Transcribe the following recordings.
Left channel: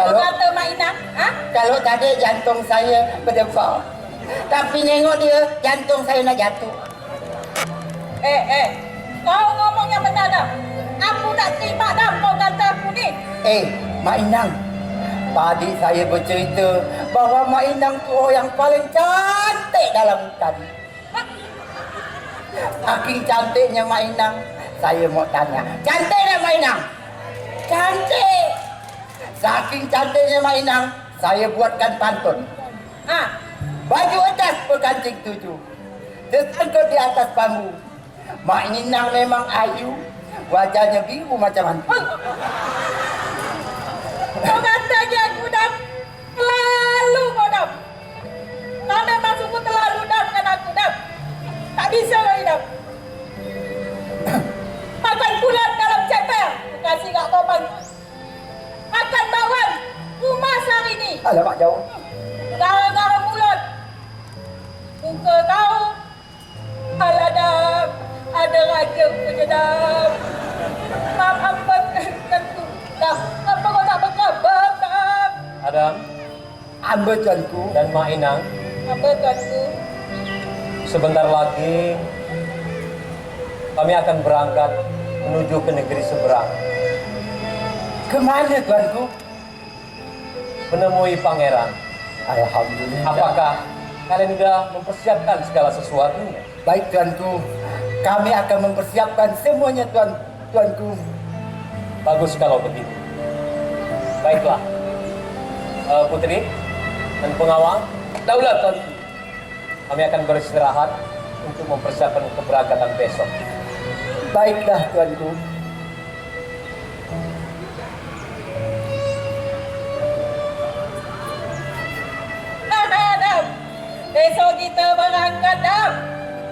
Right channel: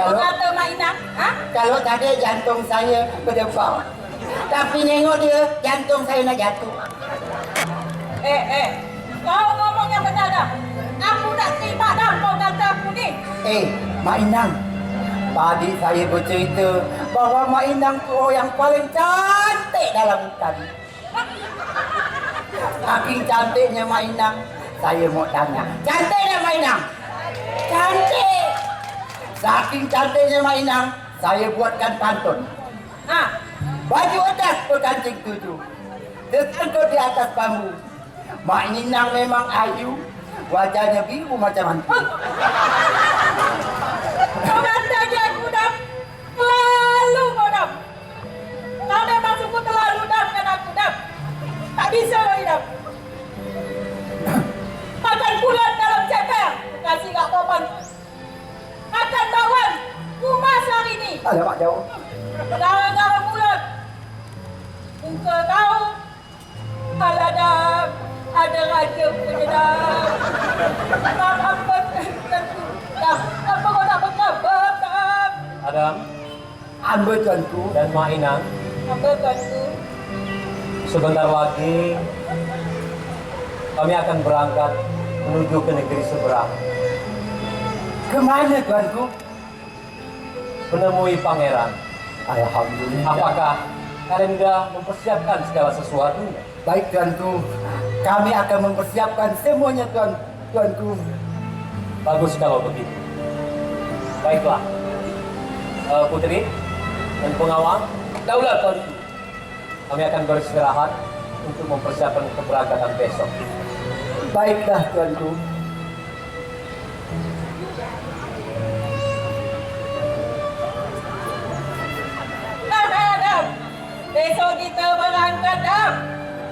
Kalau kata Mak Inang, ha? Kalau tadi jantung saya berdebar, tapi nengok dia jantung saya nak jatuh. Kau ngomong yang benar dah. Aku tak terima dah kau kata aku ni. Mak Inang, tadi saya bercerita bahawa Mak Inang tu orang yang paling cantik dalam hutan. Saking cantiknya Mak Inang, saya mau tanya, cantik tak Mak Inang? Cantik. Saking cantiknya Mak Inang, saya buatkan pantun. Baju atas berkancing 7, tersangkut di atas bambu. Mak Inang memang ayu, wajahnya biru macam hantu. Kau katanya aku dah terlalu kau dah. Kau memang sungguh terlalu dah dengan aku dah. Tak bisa lagi dah. Makan bulan dalam ceper. Kasih kat kau pagi. Makan bawang. Kumas hari ni. Alamak jauh. Gara-gara mulut. Muka kau. Alah dah. Ada raja punya dah. Apa tentu. Dah. Apa kau tak berkabar dah. Adam Ambil tuanku. dan Mak Inang, Apa tentu. sebentar lagi kami akan berangkat menuju ke negeri seberang, Kemana tuanku? menemui pangeran. Alhamdulillah. Apakah kalian sudah mempersiapkan segala sesuatunya? Baik tuanku, kami akan mempersiapkan semuanya tuanku. Bagus kalau begitu. Baiklah, Putri dan pengawal, daulat tuanku. Kami akan beristirahat untuk mempersiapkan keberangkatan besok. Baiklah tuanku. Dam. Besok kita berangkat, Dam.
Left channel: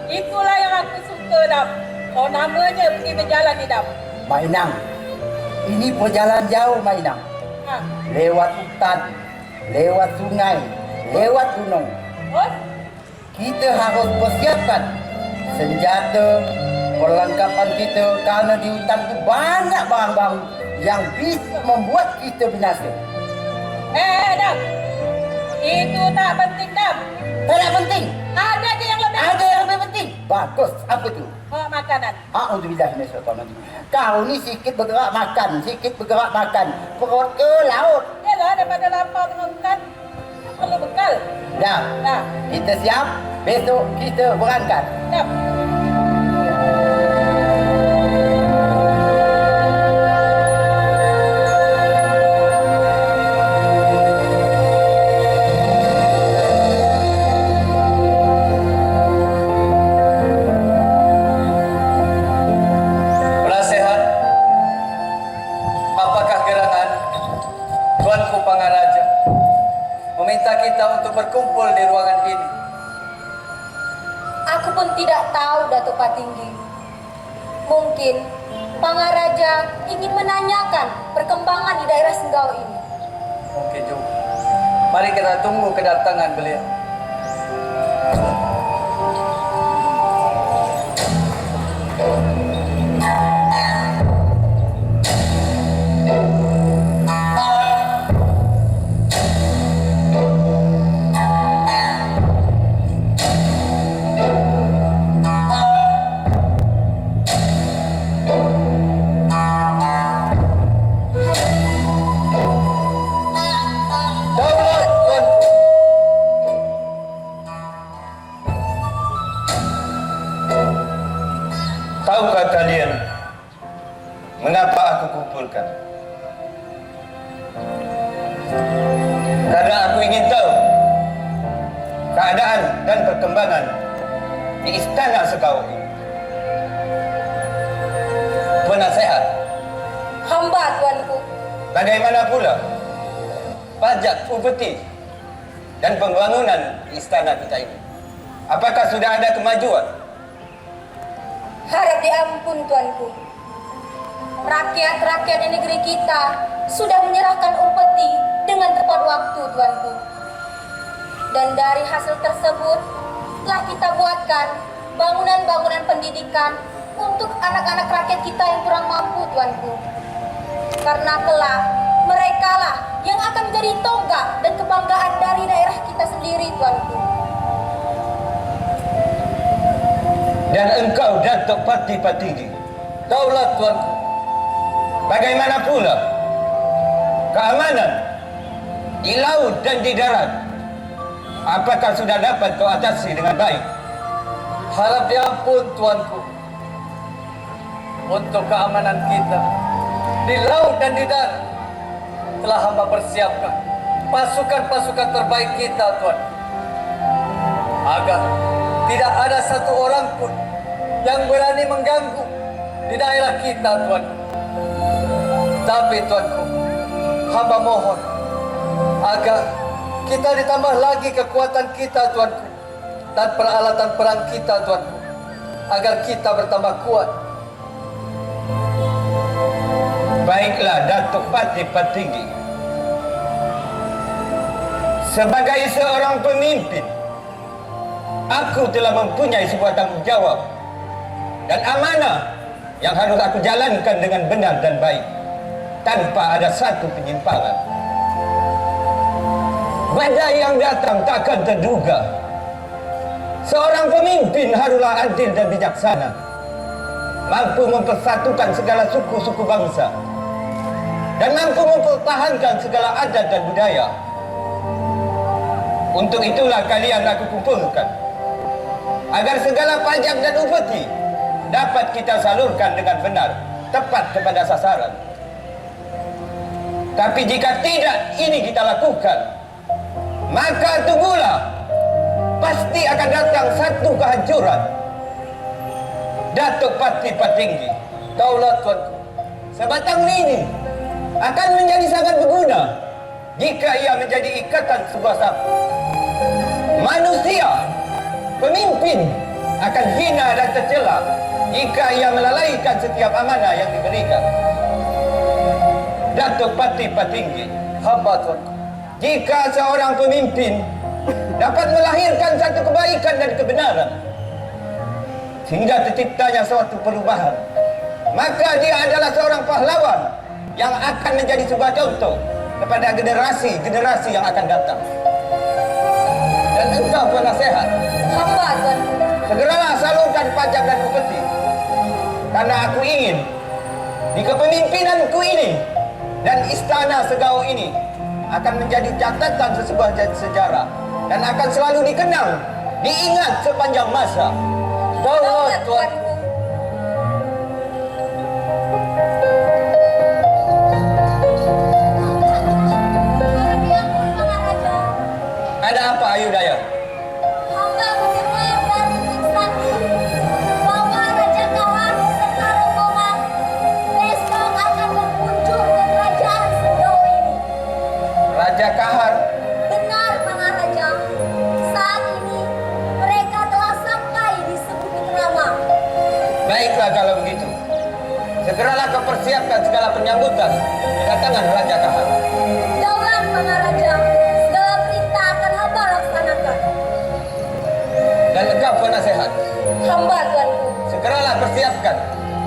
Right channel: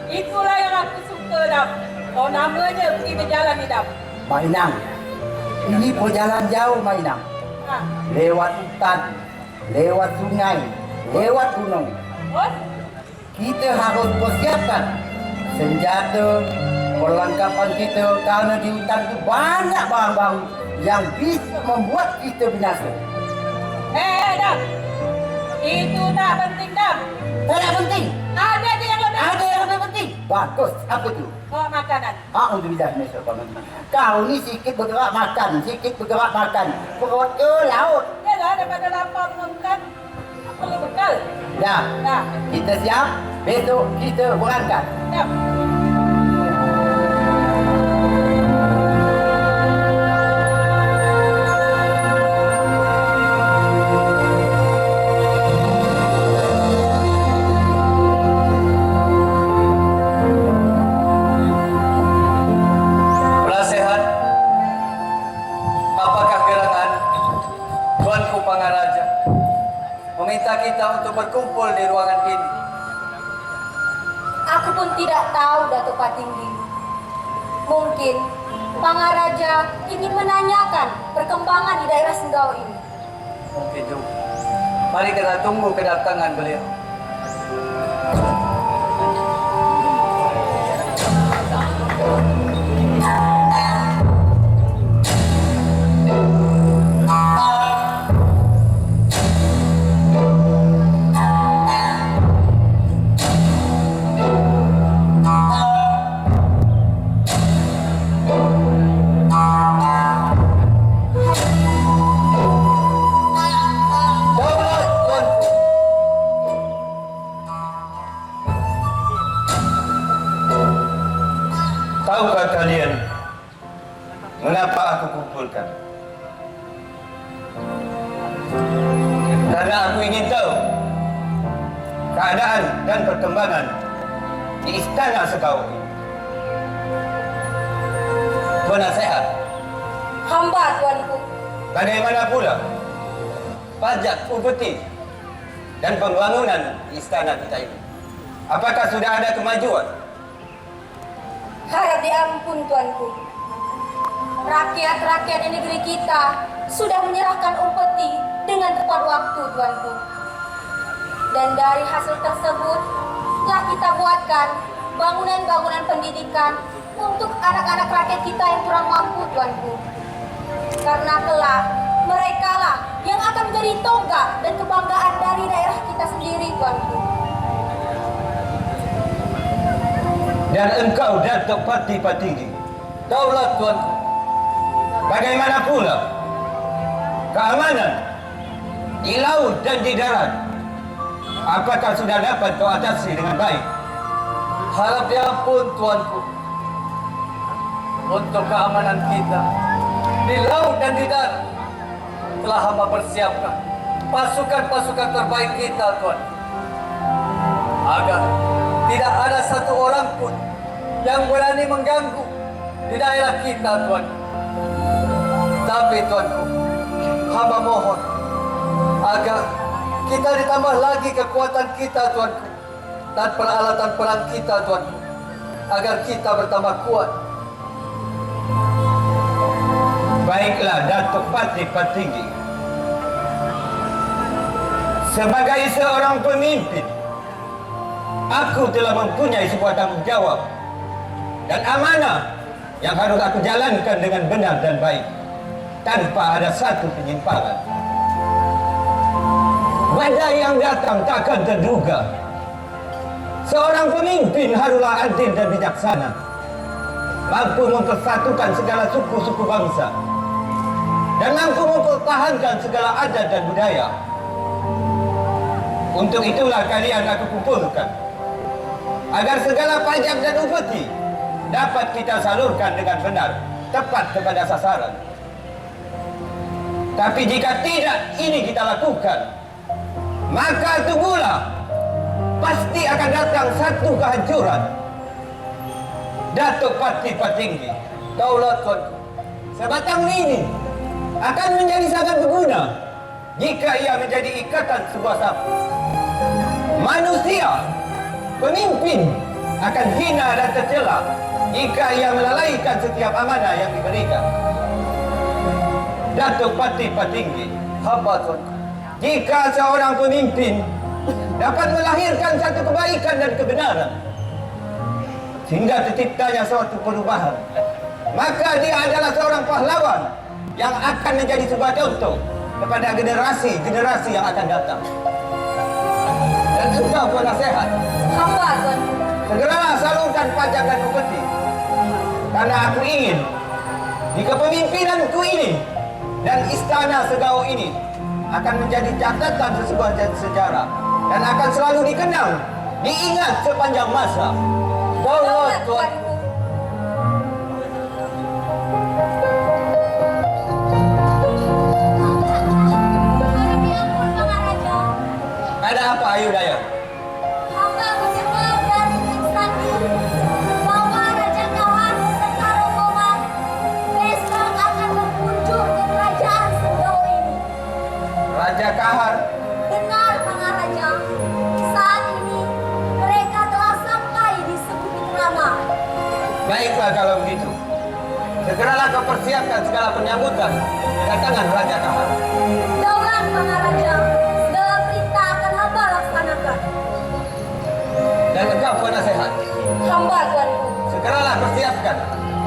Itulah yang aku suka, Dam. Oh, namanya pergi berjalan ni, Dam. Mak Inang, ini perjalanan jauh Mak Inang. Lewat hutan, lewat sungai, lewat gunung. Oh, Kita harus persiapkan senjata, perlengkapan kita kerana di hutan itu banyak barang-barang yang bisa membuat kita binasa. Dam. Itu tak penting, Dam. Tak penting. Ada je yang lebih Ada yang lebih penting. Bagus. Apa tu? Oh, makanan. Alhamdulillah kau ni sikit bergerak makan, sikit bergerak makan. Perut ke laut. Yalah, daripada lapar dengan hutan, perlu bekal. Dah. Dah. Kita siap. Besok kita berangkat. Dam. Penasehat, apakah gerangan Tuanku Pangaraja meminta kita untuk berkumpul di ruangan ini? Aku pun tidak tahu, Datuk Patinggi. Mungkin Pangaraja ingin menanyakan perkembangan di daerah Senggau ini. Mungkin juga. Mari kita tunggu kedatangan beliau. Daulat Tuanku. Tahukah kalian mengapa aku kumpulkan? Karena aku ingin tahu keadaan dan perkembangan di istana Senggau ini. Tuan nasihat, Hamba, Tuanku. bagaimana pula pajak upeti dan pembangunan di istana kita ini? Apakah sudah ada kemajuan? Harap diampun, Tuanku. Rakyat-rakyat di negeri kita sudah menyerahkan upeti dengan tepat waktu, Tuanku. Dan dari hasil tersebut telah kita buatkan bangunan-bangunan pendidikan untuk anak-anak rakyat kita yang kurang mampu, Tuanku. Karena kelak Merekalah yang akan menjadi tonggak dan kebanggaan dari daerah kita sendiri, Tuanku. Dan engkau Datuk Pati Patinggi, Daulat Tuanku. bagaimana pula keamanan di laut dan di darat? Apakah sudah dapat kau atasi dengan baik? Harap diampun Tuanku. Untuk keamanan kita di laut dan di darat telah hamba persiapkan pasukan-pasukan terbaik kita, Tuan. Agar tidak ada satu orang pun yang berani mengganggu di daerah kita, Tuan. Tapi Tuanku, hamba mohon agar kita ditambah lagi kekuatan kita, Tuanku, dan peralatan perang kita, Tuanku, agar kita bertambah kuat. Baiklah Datuk Pati Patinggi, sebagai seorang pemimpin, aku telah mempunyai sebuah tanggung jawab dan amanah yang harus aku jalankan dengan benar dan baik, tanpa ada satu penyimpangan. Badai yang datang takkan terduga. Seorang pemimpin haruslah adil dan bijaksana, mampu mempersatukan segala suku-suku bangsa, dan mampu mempertahankan segala adat dan budaya. Untuk itulah kalian aku kumpulkan, agar segala pajak dan upeti dapat kita salurkan dengan benar, tepat kepada sasaran. Tapi jika tidak ini kita lakukan, maka tunggulah, pasti akan datang satu kehancuran. Datuk Pati Patinggi, Daulat Tuanku. sebatang lini akan menjadi sangat berguna jika ia menjadi ikatan sebuah sapu. Manusia, pemimpin, akan hina dan tercela jika ia melalaikan setiap amanah yang diberikan. Datuk Pati Patinggi, Hamba Tuanku. jika seorang pemimpin dapat melahirkan satu kebaikan dan kebenaran sehingga terciptanya suatu perubahan, maka dia adalah seorang pahlawan yang akan menjadi sebuah contoh kepada generasi-generasi yang akan datang. Dan engkau penasehat, Hamba, Tuanku. segeralah salurkan pajak dan upeti, karena aku ingin di kepemimpinanku ini dan istana Segau ini akan menjadi catatan sebuah sejarah dan akan selalu dikenang, diingat sepanjang masa. Daulat Tuanku. Ada apa Ayu Daya? Hamba mendengar dari Tik Sandi bahwa Raja Kahar beserta rombongan besok akan berkunjung ke kerajaan Sendau ini. Raja Kahar, Benar, Maharaja. Saat ini mereka telah sampai di Sebukit Rama. baiklah kalau begitu. Segeralah kau persiapkan segala penyambutan kedatangan Raja Kahar. Daulat, Maharaja. Segala perintah akan hamba laksanakan. Dan engkau penasehat, Hamba, Tuanku. segeralah persiapkan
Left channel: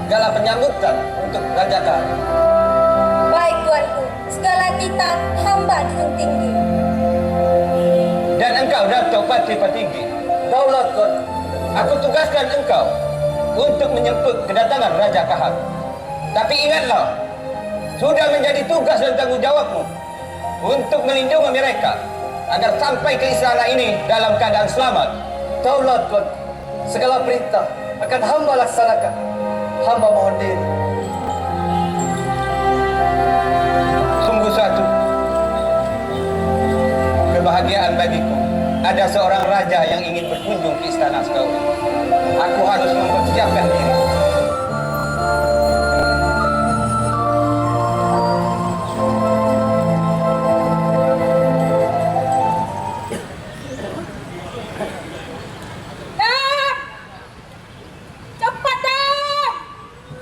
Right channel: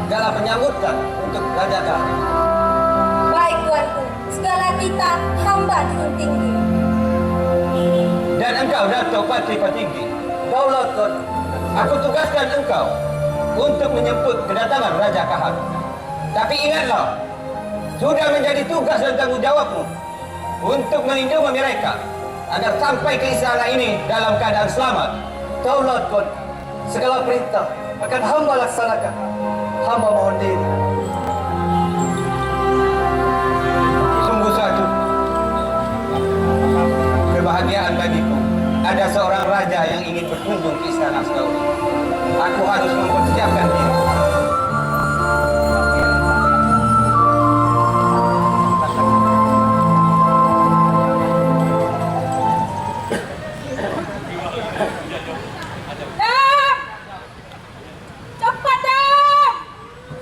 segala penyambutan untuk Raja Kahar. Baik, Tuanku. Segala kita hamba junjung tinggi. Dan engkau Datuk Pati Patinggi, Daulat Tuanku. aku tugaskan engkau untuk menyambut kedatangan Raja Kahar. Tapi ingatlah, sudah menjadi tugas dan tanggung jawabmu untuk melindungi mereka agar sampai ke istana ini dalam keadaan selamat. Daulat Tuanku. Segala perintah akan hamba laksanakan. Hamba mohon diri. Sungguh satu kebahagiaan bagiku, ada seorang raja yang ingin berkunjung ke istana Segau. Aku harus mempersiapkan diri. Dam! Cepat, Dam!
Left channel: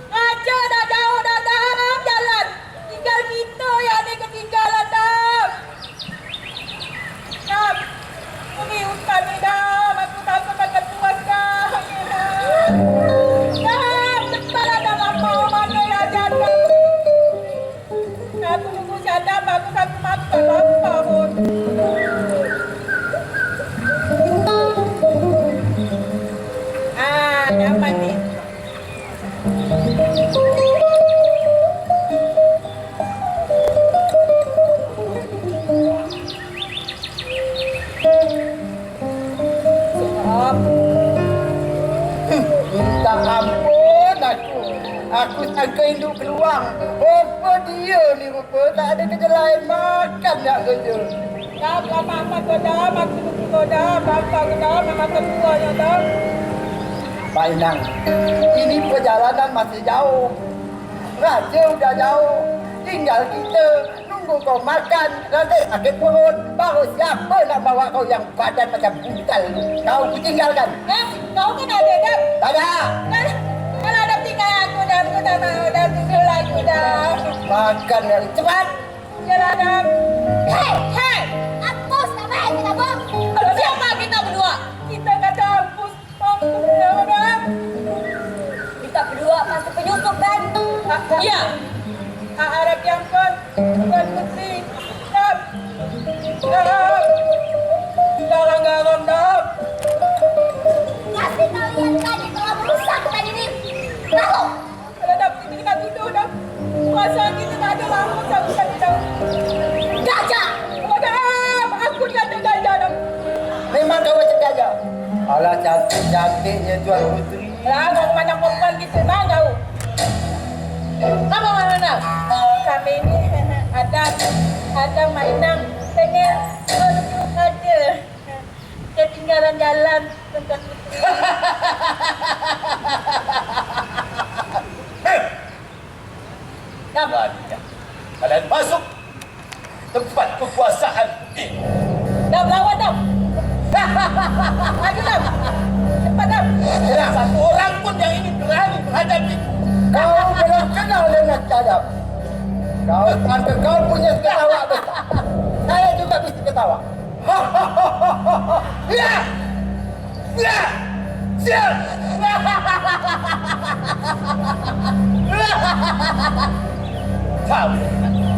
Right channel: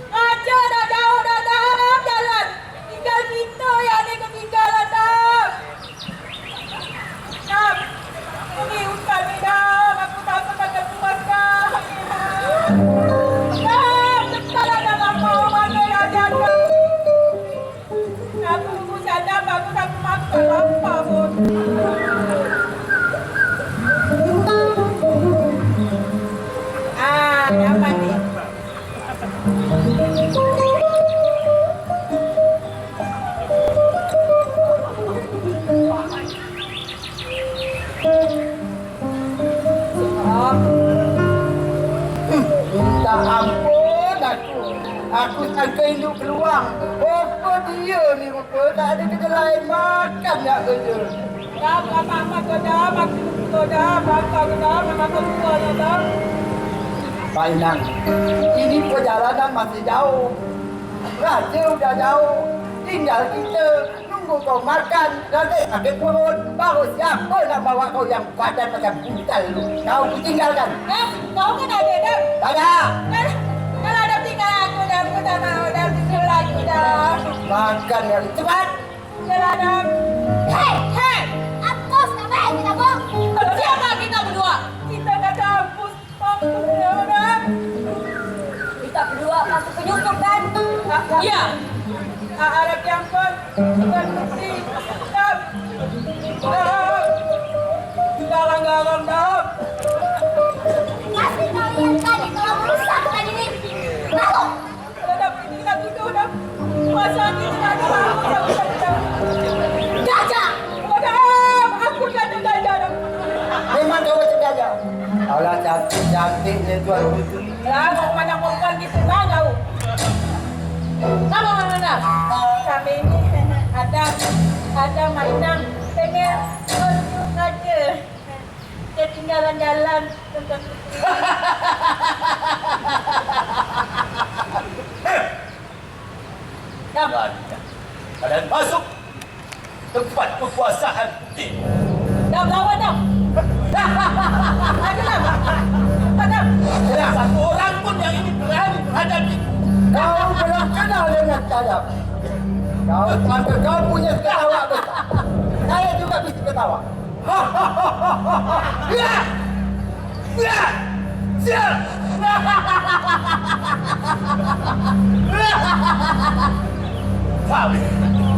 Raja dah jauh dah, Dam, jalan. Tinggal kita yang ni ketinggalan, Dam. Dam, pergi hutan ni, Dam. Aku takut akan tuaskan. bagus aku makan apa pun. Ah, nyaman nih. Minta ampun aku. Aku sangka induk keluar. Apa dia ni rupa tak ada kerja lain makan nak kerja. Dah, mama kau dah, makan kau dah, bapa kau dah, mama kau tua ya dah. Mainang, ini perjalanan masih jauh. Raja udah jauh. Tinggal kita nunggu kau makan. Nanti sakit perut. Baru siapa nak bawa kau yang badan macam buntal tu. Kau kutinggalkan. Kau kan ada dah. Tak ada. Kalau ada tinggal aku dah mau dah tinggal aku dah. Makan yang cepat. Jalan dah. Hei, apa sampai kita bang? Siapa kita berdua? Kita dah kampus. Ya dah. Kita berdua masuk penyusup kan? Ya. Harap yang pun bukan putri. Dah. Garang-garang dah. Kasih kalian tadi telah merusak hutan ini. Lalu, Kalau dah pergi kita duduk dah. Masa kita tak ada lampu dah bukan dah. gajah. Madam, aku kata gajah dah. Memang kau macam gajah. Alah cantik-cantiknya Tuan Putri. Lah, mau mana perempuan kita dah tahu. Apa mana? Kami ini ada mainan pengen unjuk aja. Ketinggalan jalan tentang putri. Kalian masuk tempat kekuasaan ini. Dah lawan dah. Ayo dah. Cepat dah. Tidak satu orang pun yang ini berani menghadapi. Kau belum kenal dengan cadap. Kau sangka kau punya ketawa besar. Saya juga bisa ketawa. Ya! Ya! Sial! Kau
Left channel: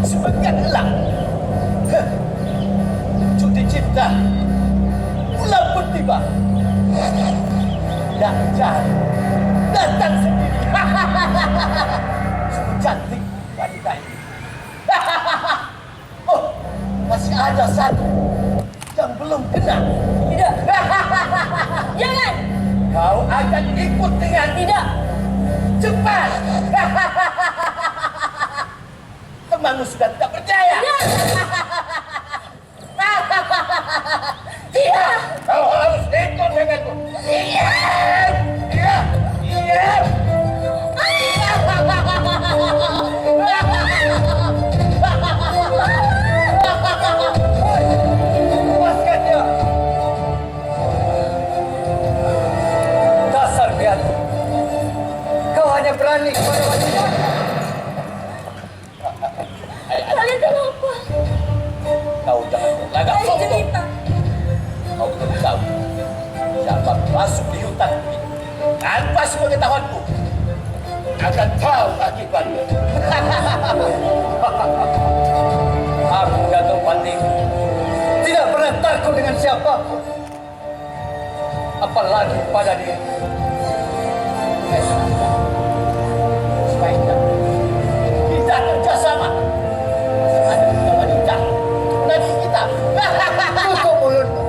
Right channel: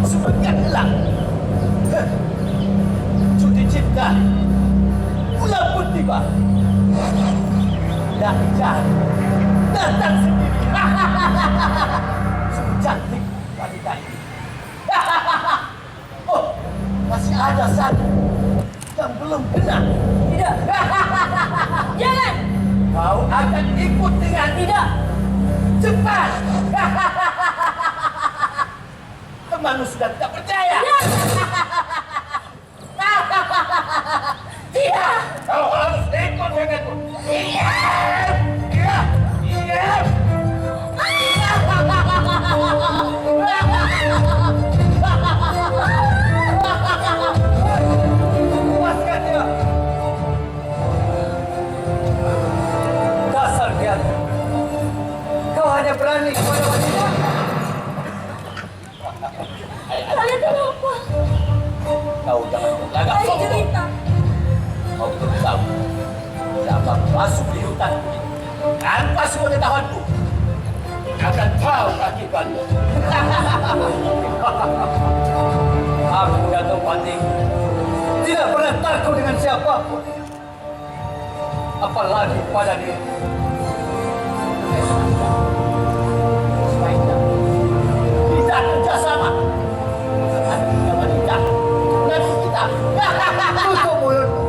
sebagai elang. Judi cinta. Bulan pun tiba. Dan datang sendiri. Cantik wanita ini. Oh, masih ada satu yang belum kena. Tidak. Jangan. Kau akan ikut dengan Tidak. cepat. Temanmu sudah tidak percaya. Tidak. Kau harus ikut denganku. Iya. Iya. Iya. Puaskan dia. Dasar biar. Kau hanya berani kepada wanita. Kalian kenapa? Kau jangan berlagak Saya sombong. cerita. Kau belum tahu siapa masuk di hutan ini. Tanpa sepengetahuanku akan tahu akibatnya. Aku Datuk Pati tidak pernah takut dengan siapapun, apalagi pada dia. Sebaiknya kita kerjasama. Ada kita wanita, nanti kita. Tutup mulutmu.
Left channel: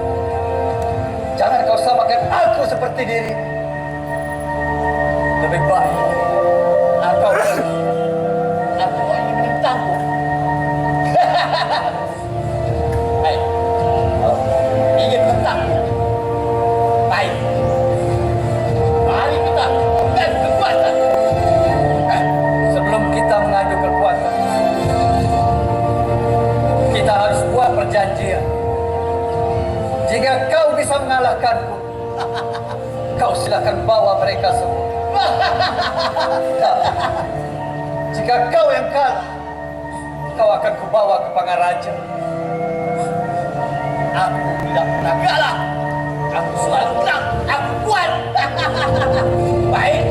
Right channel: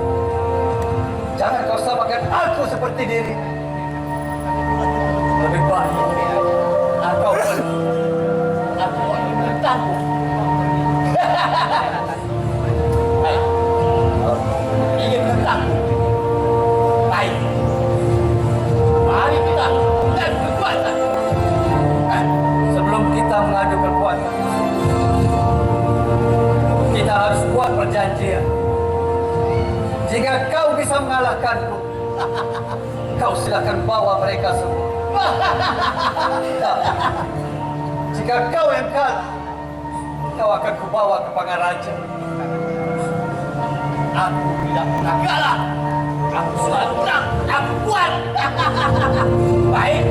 Jangan kau samakan aku seperti diri. Lebih baik atau aku ingin menentangmu. Hei, kau ingin menentangmu? Baik. Mari kita dan kekuatan. Sebelum kita mengadu kekuatan, kita harus buat perjanjian. Jika kau bisa mengalahkanku, kau silakan bawa mereka semua. Jika kau yang kalah, kau akan kubawa ke Pangaraja. Aku tidak pernah kalah. Aku selalu menang. Aku kuat. Baik.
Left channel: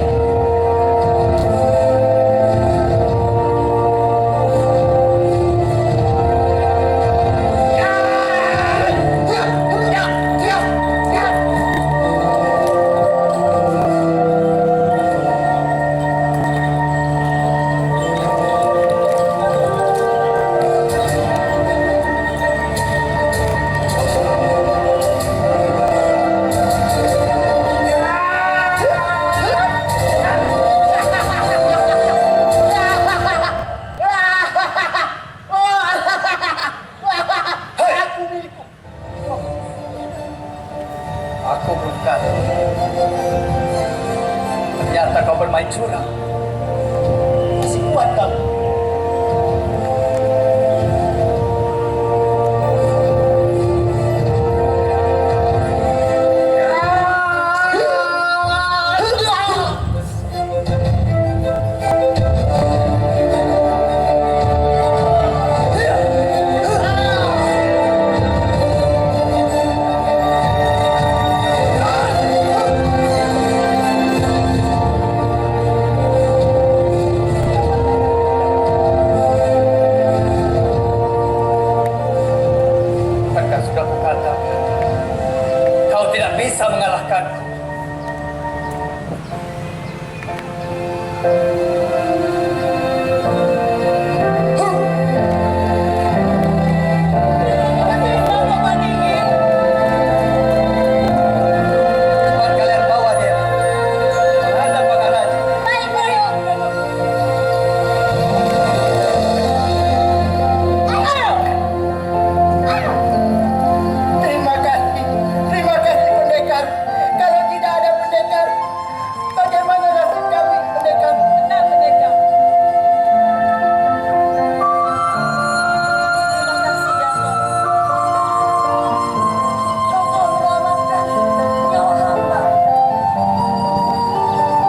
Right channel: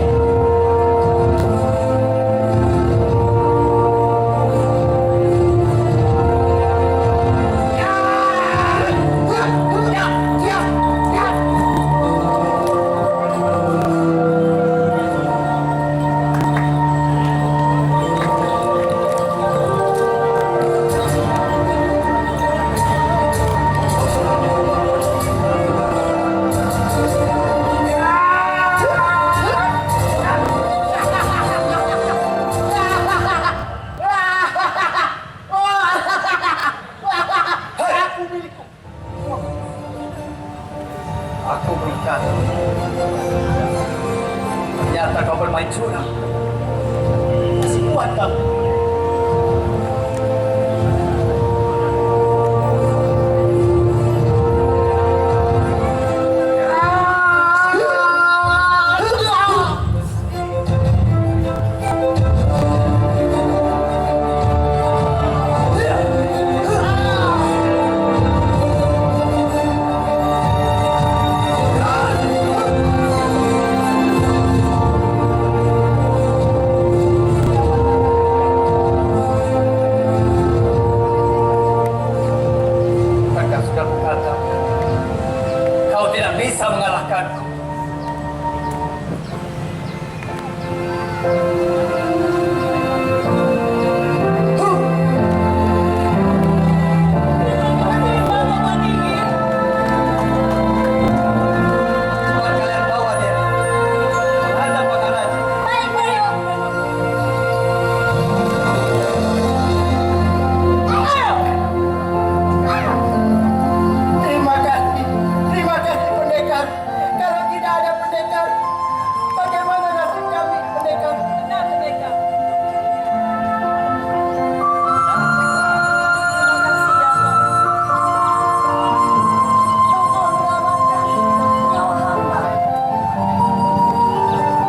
curang. Masih kuat kamu. Kakak sudah kukatakan, kau tidak bisa mengalahkanku. Cepat kalian bawa dia menghadap Maharaja. Baik, Mario. Terima kasih pendekar. Kalau tidak ada pendekar, bagaimana nasib kami pendekar? Benar, pendekar. Terima kasih, Dato. Kau telah menyelamatkan nyawa hamba.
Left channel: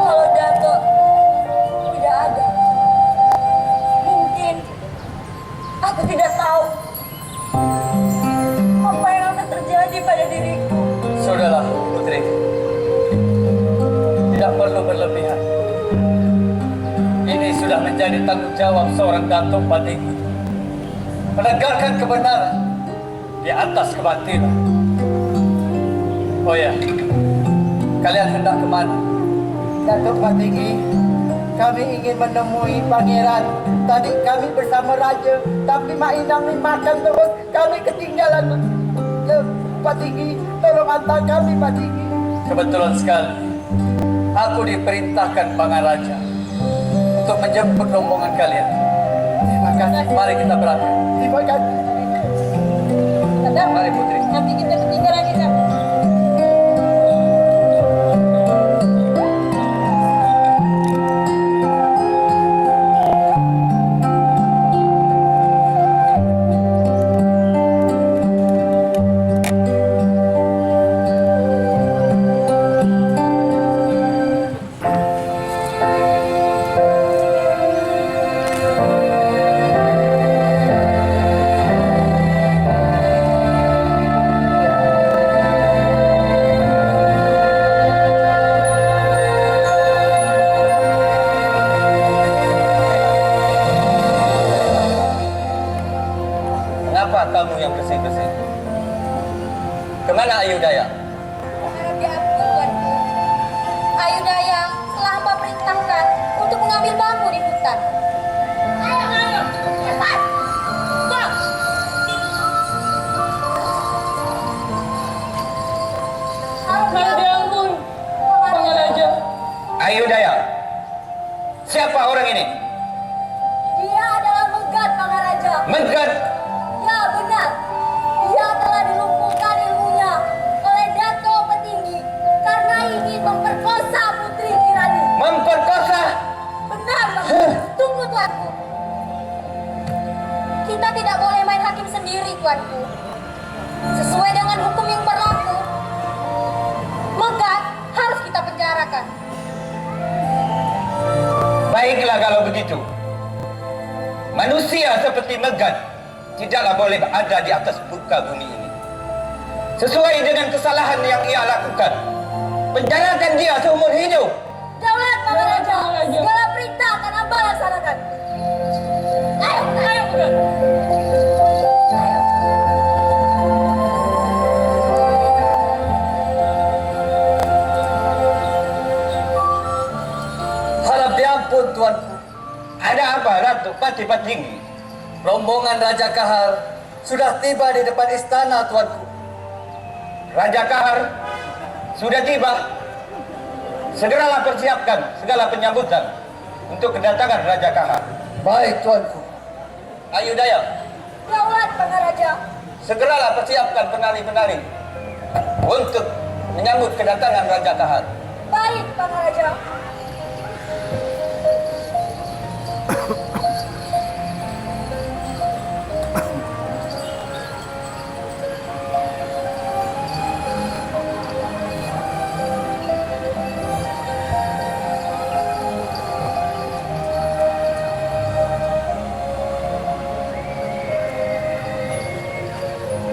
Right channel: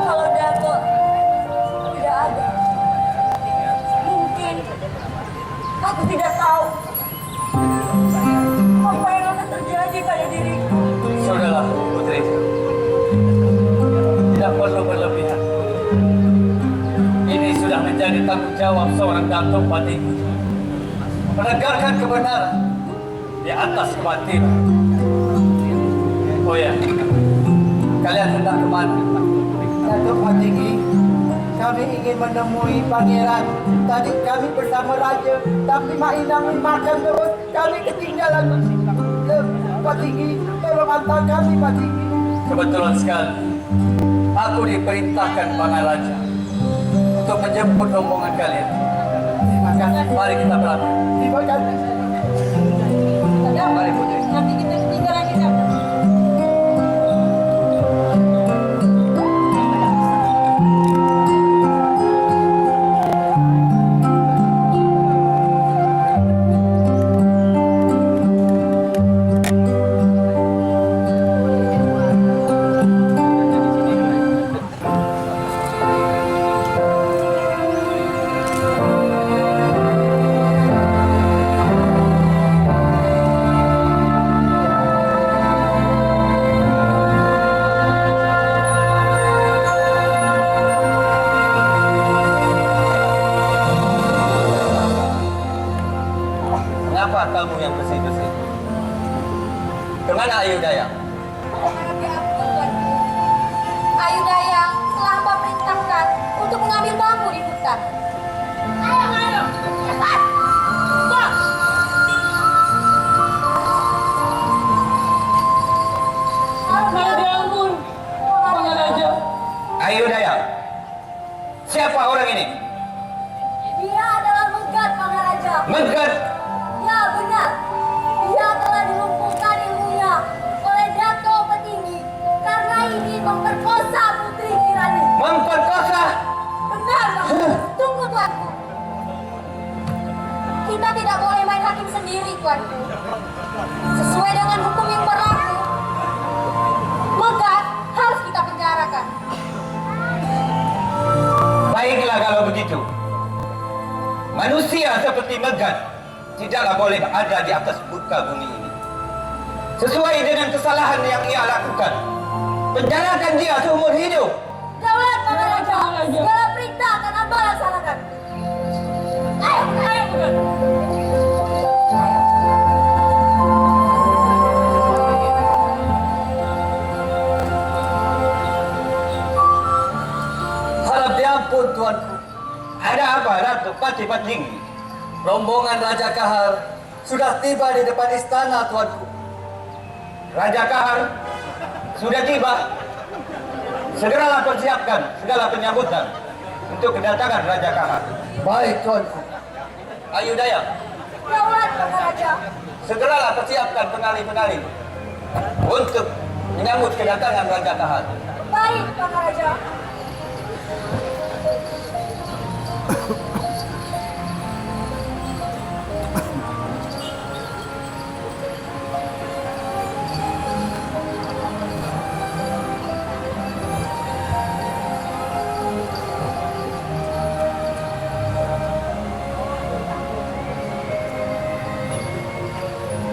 Kalau Dato tidak ada, mungkin aku tidak tahu apa yang akan terjadi pada diriku. Sudahlah, Putri. Tidak perlu berlebihan. Ini sudah menjadi tanggung jawab seorang Datuk Patinggi. Menegakkan kebenaran di atas kebatilan. Oh ya, kalian hendak kemana? Datuk Patinggi, kami ingin menemui pangeran. Tadi kami bersama raja, tapi Mak Inang makan terus. Kami ketinggalan. Pak Tinggi, tolong antar kami, Pak Tinggi. Kebetulan sekali, aku diperintahkan Pangaraja untuk menjemput rombongan kalian. Terima kasih. Mari kita berangkat. Terima kasih. Dato, Mari Putri. nanti kita ketinggalan di sana. Kenapa kamu yang bersih-bersih? Kemana Ayu Daya? Harap diampun, Tuanku. Ayu Daya telah hamba perintahkan untuk mengambil bambu di hutan. Ayo, cepat! Stop! Harap diampun, Pangaraja. Ayu Daya. Siapa orang ini? Dia adalah Megat, Maharaja. Megat. Ya, benar. Dia telah dilumpuhkan ilmunya oleh Dato Petinggi karena ingin memperkosa Putri Kirani. Memperkosa. Benar, Bang. Tunggu, Tuanku. Kita tidak boleh main hakim sendiri, Tuanku. Sesuai dengan hukum yang berlaku, Megat harus kita penjarakan. Baiklah kalau begitu. Manusia seperti Megat tidaklah boleh ada di atas muka bumi ini. Sesuai dengan kesalahan yang ia lakukan, penjarakan dia seumur hidup. Daulat, Maharaja. Maharaja. Segala perintah akan hamba laksanakan. Ayo, Ayo, Megat. Harap diampun, Tuanku. Ada apa, Ratu Pati Patinggi? Rombongan Raja Kahar sudah tiba di depan istana, Tuanku. Raja Kahar sudah tiba. Segeralah persiapkan segala penyambutan untuk kedatangan Raja Kahar. Baik, Tuanku. Ayu Daya, Daulat, Maharaja. segeralah persiapkan penali-penali untuk menyambut kedatangan Raja Kahar. Baik, Maharaja.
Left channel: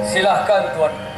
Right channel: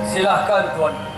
Silahkan Tuan.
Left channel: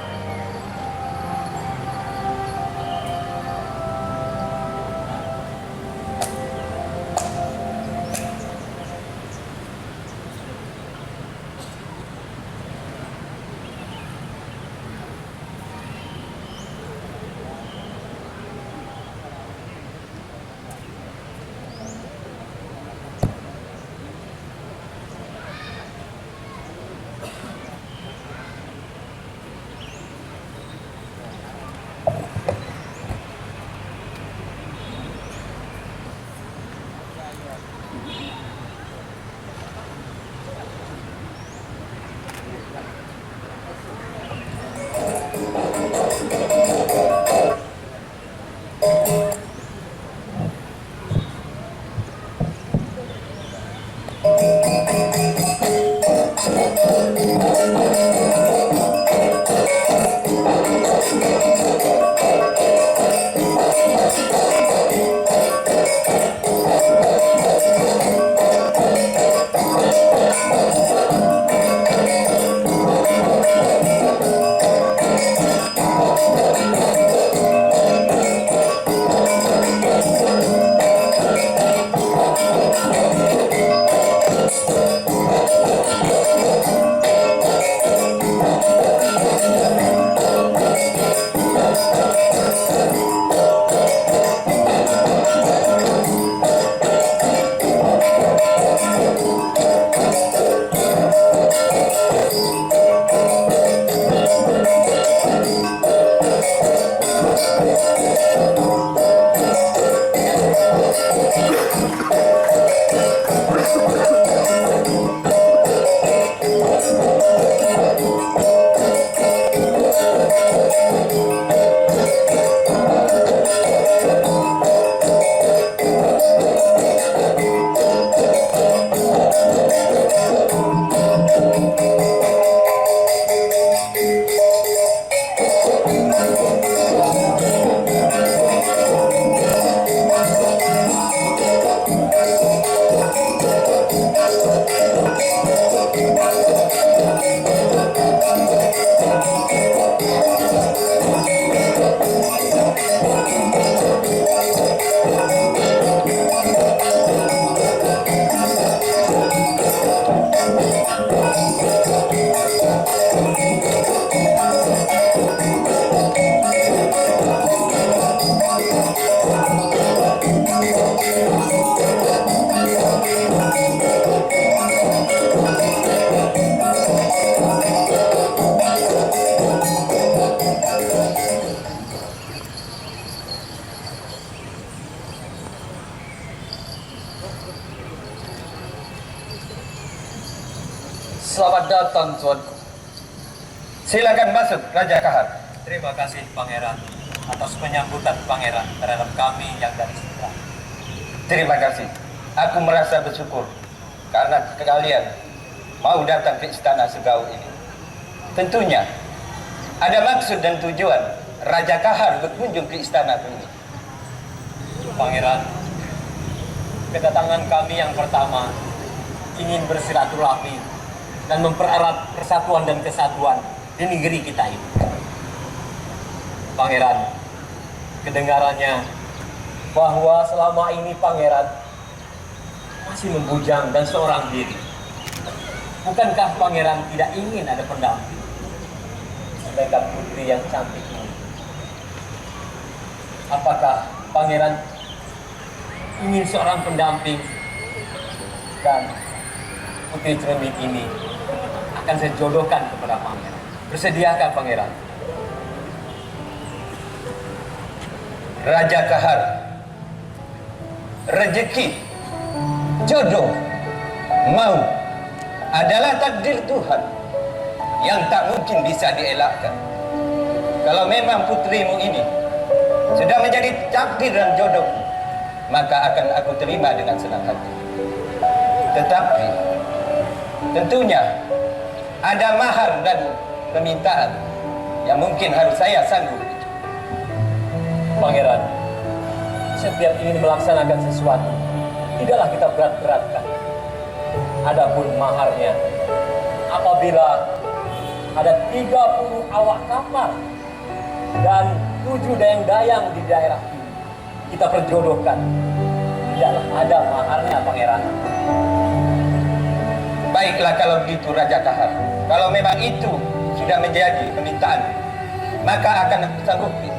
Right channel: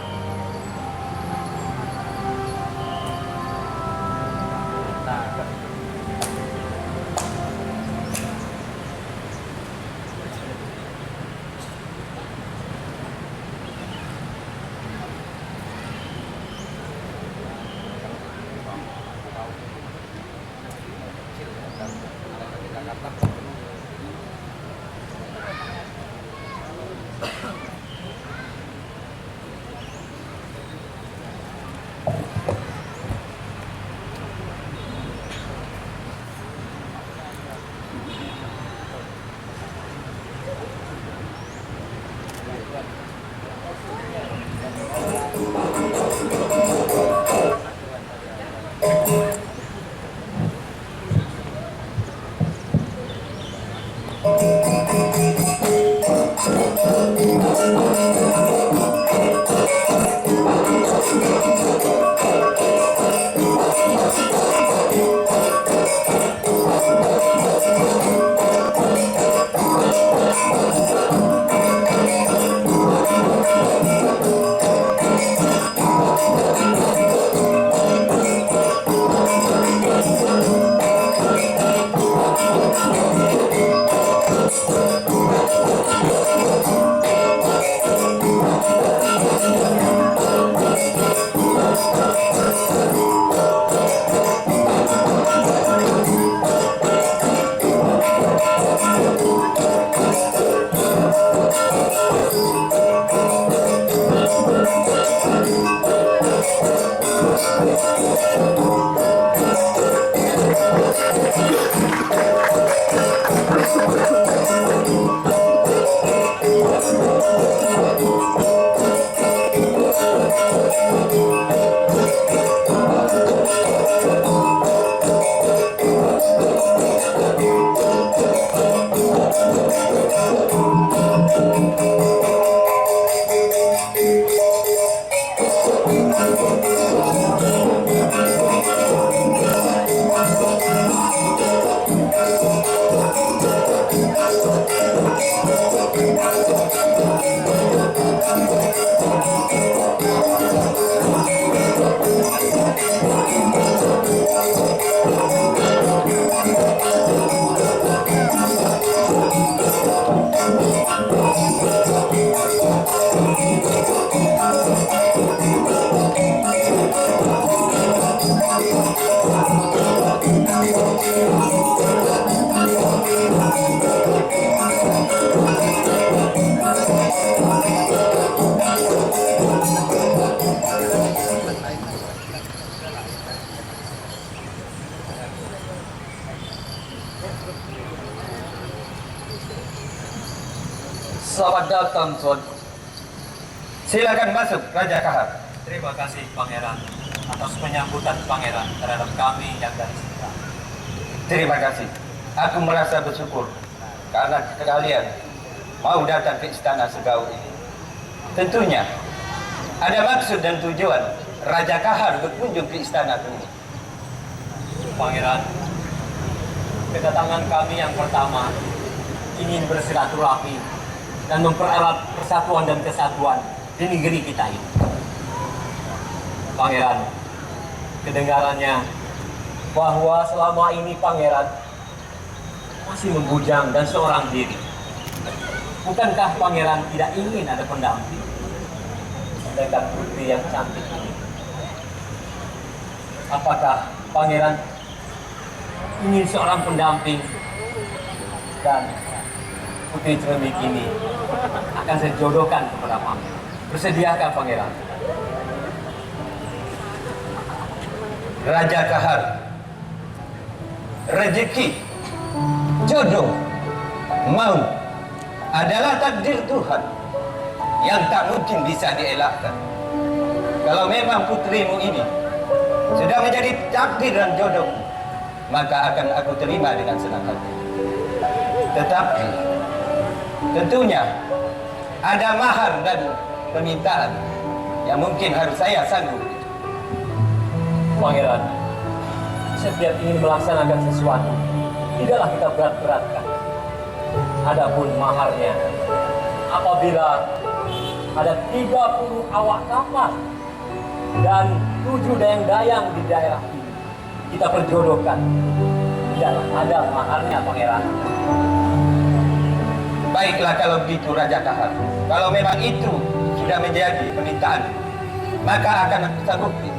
Selamat datang, Tuanku. Silakan masuk, Raja Kahar. Terima kasih, Pangeran, atas penyambutan Pangeran terhadap kami yang dari Sitra. Terima kasih. Aku merasa bersyukur karena kalian mau datang ke istana Segau ini. Tentunya ada maksud dan tujuan Raja Kahar berkunjung ke istana ini. Pangeran, kedatangan kami yang pertama ingin bersilaturahmi dan mempererat persatuan dan kesatuan di negeri kita ini. Pangeran, kedengarannya bahwa selama ini Pangeran masih membujang dan seorang diri. Bukankah Pangeran tidak ingin ada pendamping? Sedangkan putri yang cantik ini, apakah Pangeran ingin seorang pendamping? Dan putri cermik ini akan saya jodohkan kepada Pangeran. Bersediakah Pangeran? Raja Kahar, rezeki, jodoh, maut adalah takdir Tuhan yang tak mungkin bisa dielakkan. Kalau memang putrimu ini sudah menjadi takdir dan jodoh, maka akan aku terima dengan senang hati. Tetapi tentunya ada mahar dan permintaan yang mungkin harus saya sanggup. Pangeran, setiap ingin melaksanakan sesuatu, tidaklah kita berat-beratkan. Adapun maharnya, apabila ada 30 awak kapal dan 7 dayang-dayang di daerah ini. Kita perjodohkan. Tidaklah ada maharnya, Pangeran. Baiklah kalau begitu Raja Kahar. Kalau memang itu sudah menjadi permintaan, maka akan aku sanggupi.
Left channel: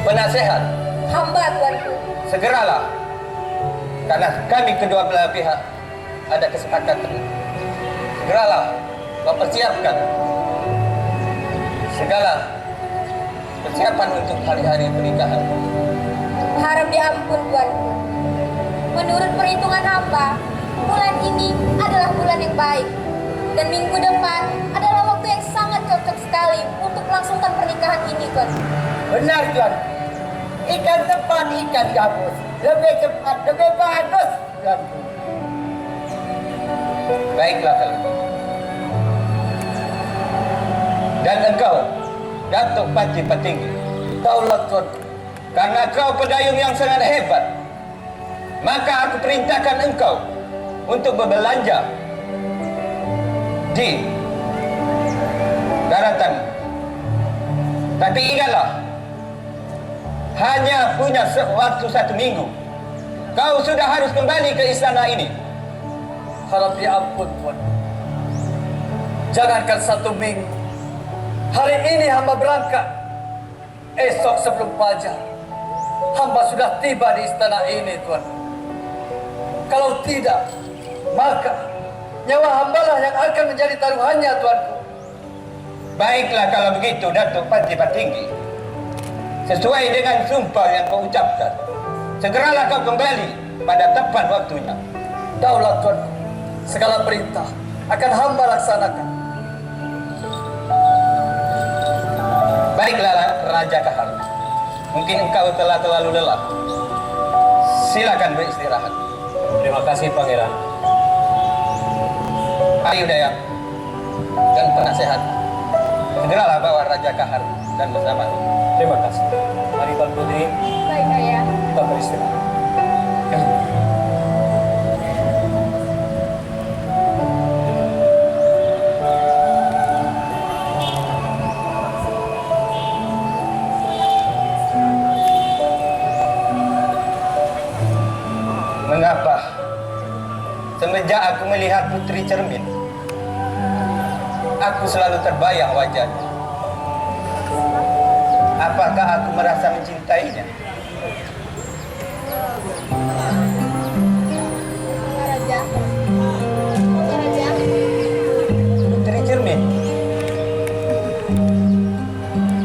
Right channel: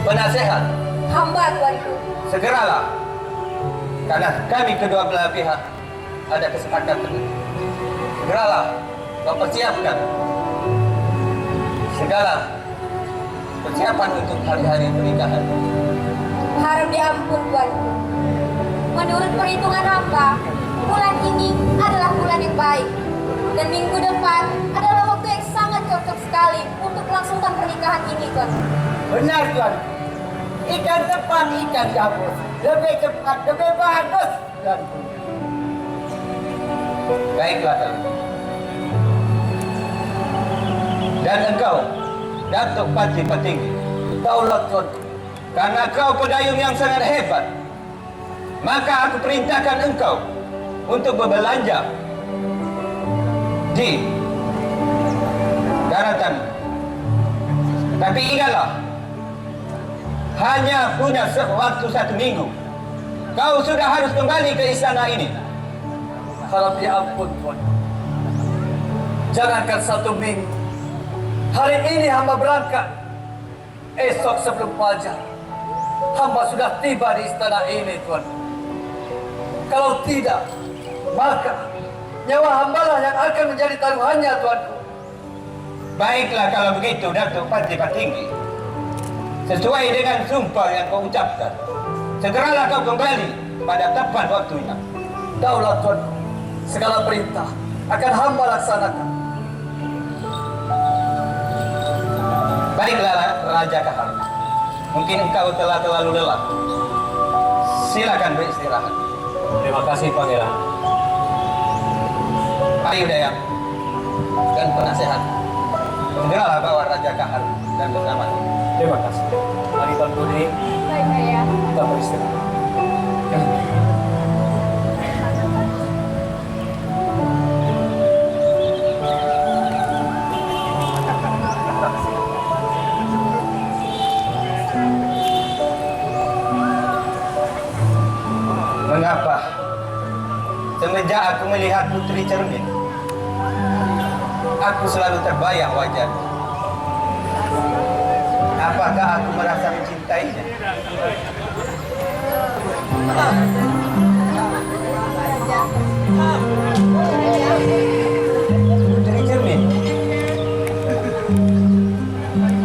Penasehat, Hamba tuanku. segeralah. Karena kami kedua belah pihak ada kesepakatan. Segeralah mempersiapkan segala persiapan untuk hari-hari pernikahan. Harap diampun tuanku. Menurut perhitungan hamba, bulan ini adalah bulan yang baik. Dan minggu depan adalah waktu yang sangat cocok sekali untuk melangsungkan pernikahan ini, tuan. Benar tuan. Ikan tepat, ikan gabus. Lebih cepat, lebih bagus tuan. Baiklah kalau begitu. Dan engkau, Datuk Panci Petinggi, Daulah Tuan. karena kau pedayung yang sangat hebat, maka aku perintahkan engkau untuk berbelanja di daratan. Tapi ingatlah, hanya punya waktu 1 minggu. Kau sudah harus kembali ke istana ini. Harap diampun Tuan. Jangankan 1 minggu. Hari ini hamba berangkat. Esok sebelum fajar, hamba sudah tiba di istana ini, Tuan. Kalau tidak, maka nyawa hambalah yang akan menjadi taruhannya, Tuanku. Baiklah kalau begitu, Datuk Panci Petinggi. Sesuai dengan sumpah yang kau ucapkan, segeralah kau kembali pada tepat waktunya. Daulah Tuanku, segala perintah akan hamba laksanakan. Baiklah Raja Kahar, mungkin engkau telah terlalu lelah. Silakan beristirahat. Terima kasih, Pangeran. Ayo Dayang dan penasehat, segeralah bawa Raja Kahar dan bersama. Terima kasih. Mari Tuan Putri, Baik, Ayah. kita beristirahat. Mengapa semenjak aku melihat Putri Cermin, aku selalu terbayang wajahnya? Apakah aku merasa mencintainya? Raja. Putri Cermin,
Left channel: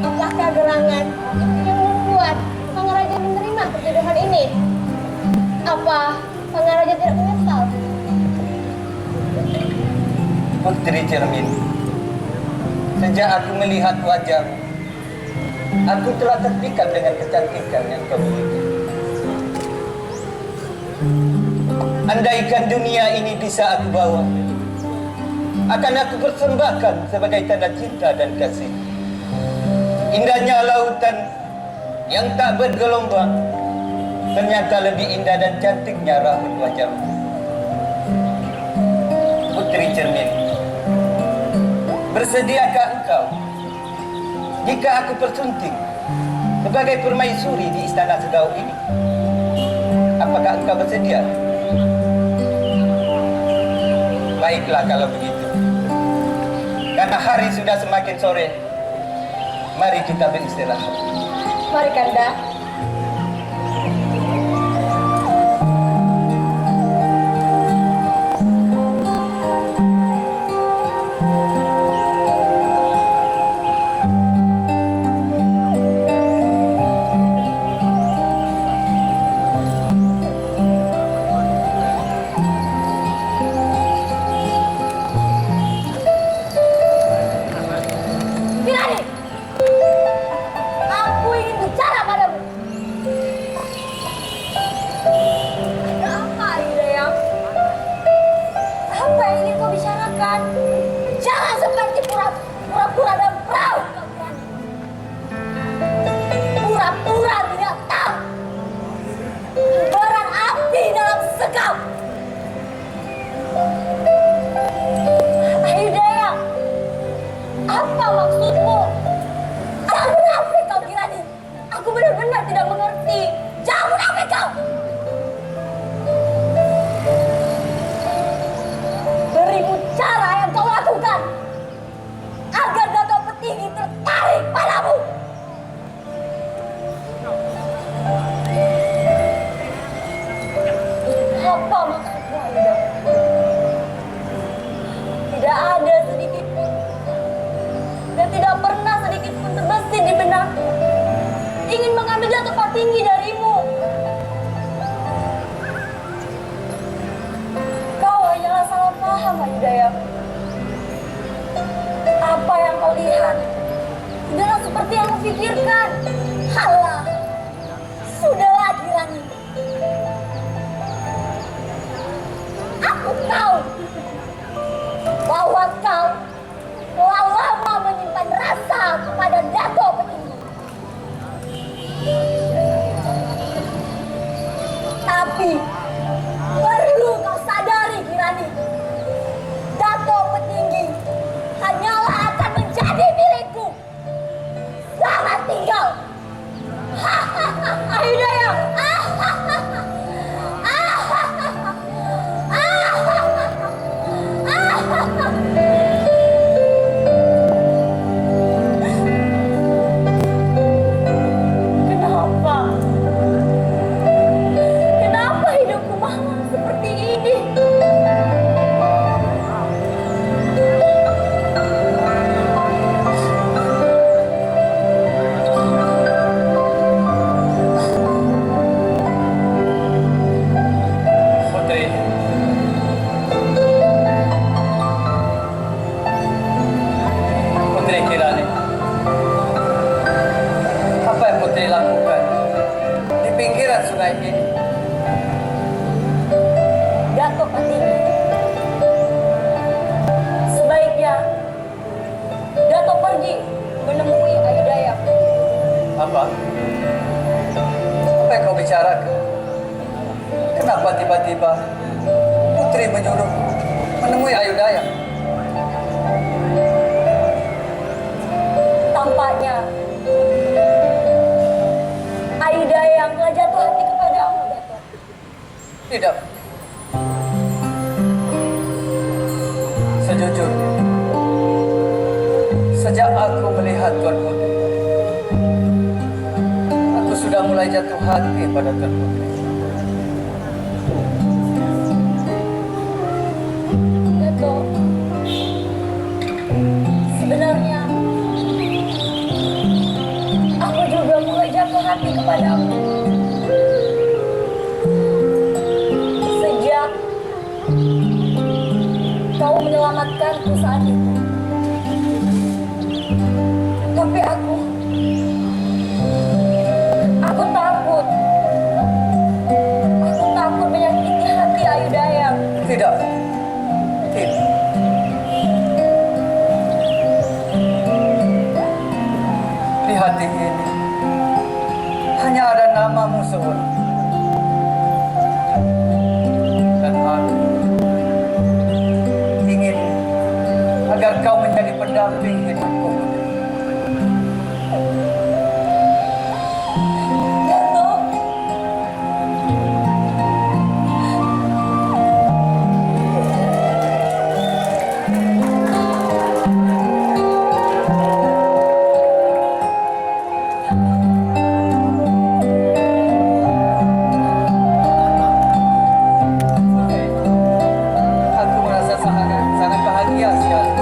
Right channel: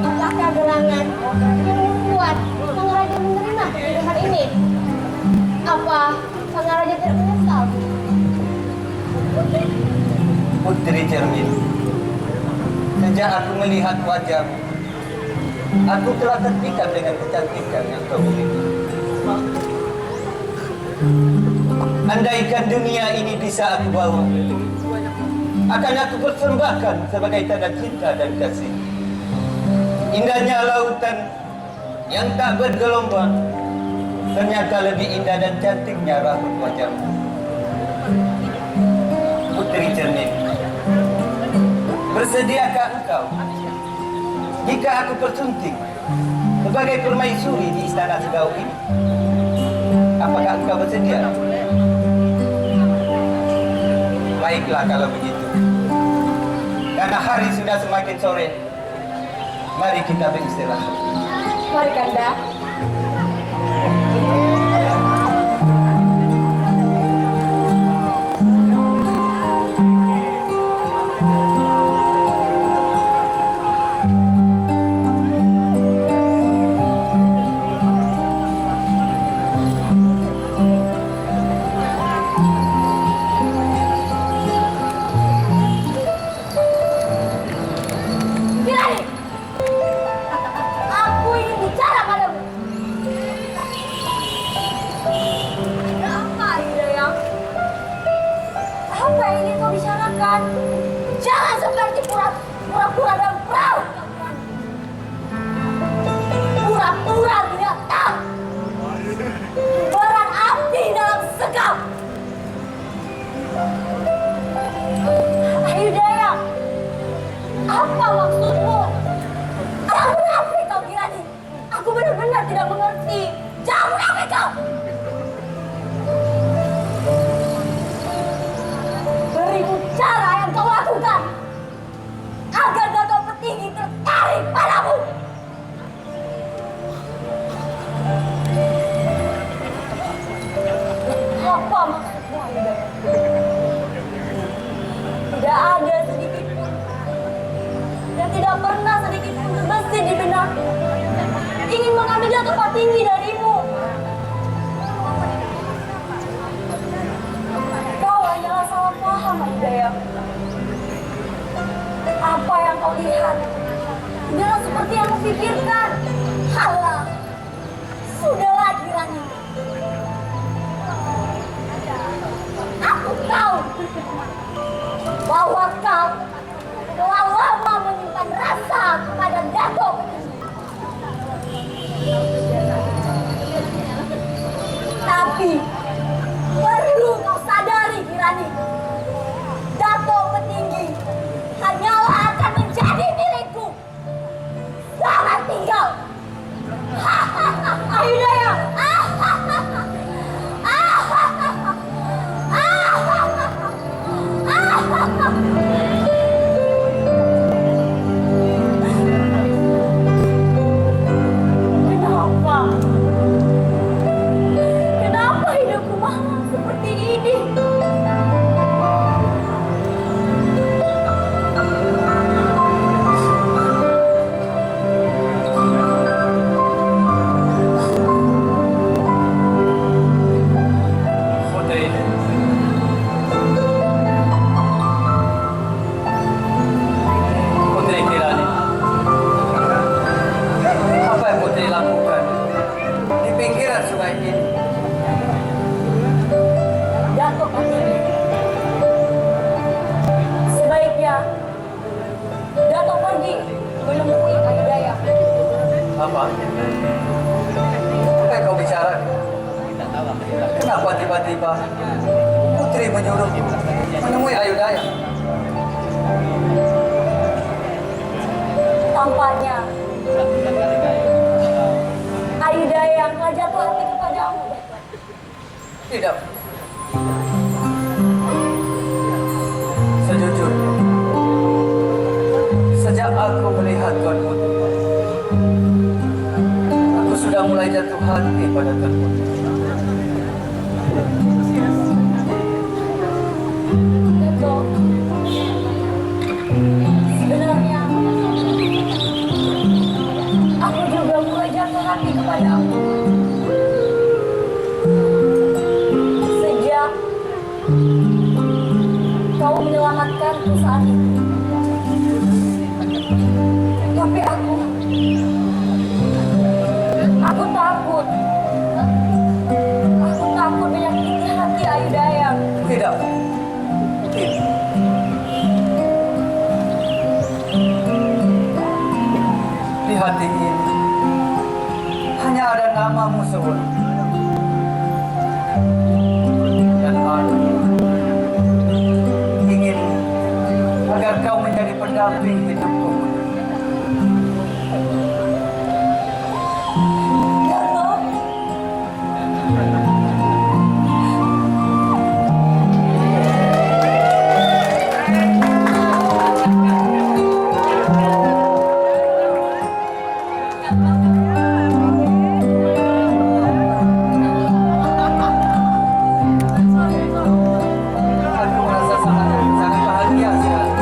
Apakah gerangan yang membuat Pangaraja menerima perjodohan ini? Apa Pangaraja tidak menyesal? Putri Cermin, sejak aku melihat wajahmu, aku telah terpikat dengan kecantikan yang kau miliki. Andaikan dunia ini bisa aku bawa, akan aku persembahkan sebagai tanda cinta dan kasih. Indahnya lautan yang tak bergelombang, ternyata lebih indah dan cantiknya rambut wajahmu. Putri Cermin, bersediakah engkau jika aku persunting sebagai permaisuri di istana Segau ini? Apakah engkau bersedia? Baiklah kalau begitu. Karena hari sudah semakin sore, mari kita beristirahat. Mari, Kanda. Kirani! Aku ingin bicara padamu. Ada apa, Hidayah? Apa yang ingin kau bicarakan? Jangan seperti pura-pura dan perahu. Pura-pura tidak tahu. Berang api dalam sekam. Hidayah, Hidayah. Apa yang kau lihat tidaklah seperti yang kau pikirkan. Halah, sudahlah Kirani. Aku tahu bahwa kau telah lama menyimpan rasa kepada Dato Petinggi. Tapi perlu kau sadari Kirani, Dato Petinggi hanyalah akan menjadi milikku. Selamat tinggal. Hidayah. Kenapa? Kenapa hidupku malam seperti ini? Putri, Putri Kirani, apa yang Putri lakukan di pinggiran sungai ini? Dato Petinggi, sebaiknya Dato pergi menemui Hidayah. Apa? Apa yang kau bicarakan? Kenapa tiba-tiba Putri menyuruh menemui Ayudaya? Tampaknya Hidayah telah jatuh hati kepadamu, Dato. Tidak. Sejujurnya, sejak aku melihat Tuan Putri, aku sudah mulai jatuh hati pada Tuan Putri. Dato, sebenarnya aku juga mulai jatuh hati kepadamu. Sejak kau menyelamatkanku saat itu. Tapi aku takut. Aku takut menyakiti hati Ayudaya. Tidak. Tidak. Di hati ini hanya ada namamu seorang. Dan aku ingin agar kau menjadi pendamping hidupku. Dato, Aku merasa sangat bahagia sekali.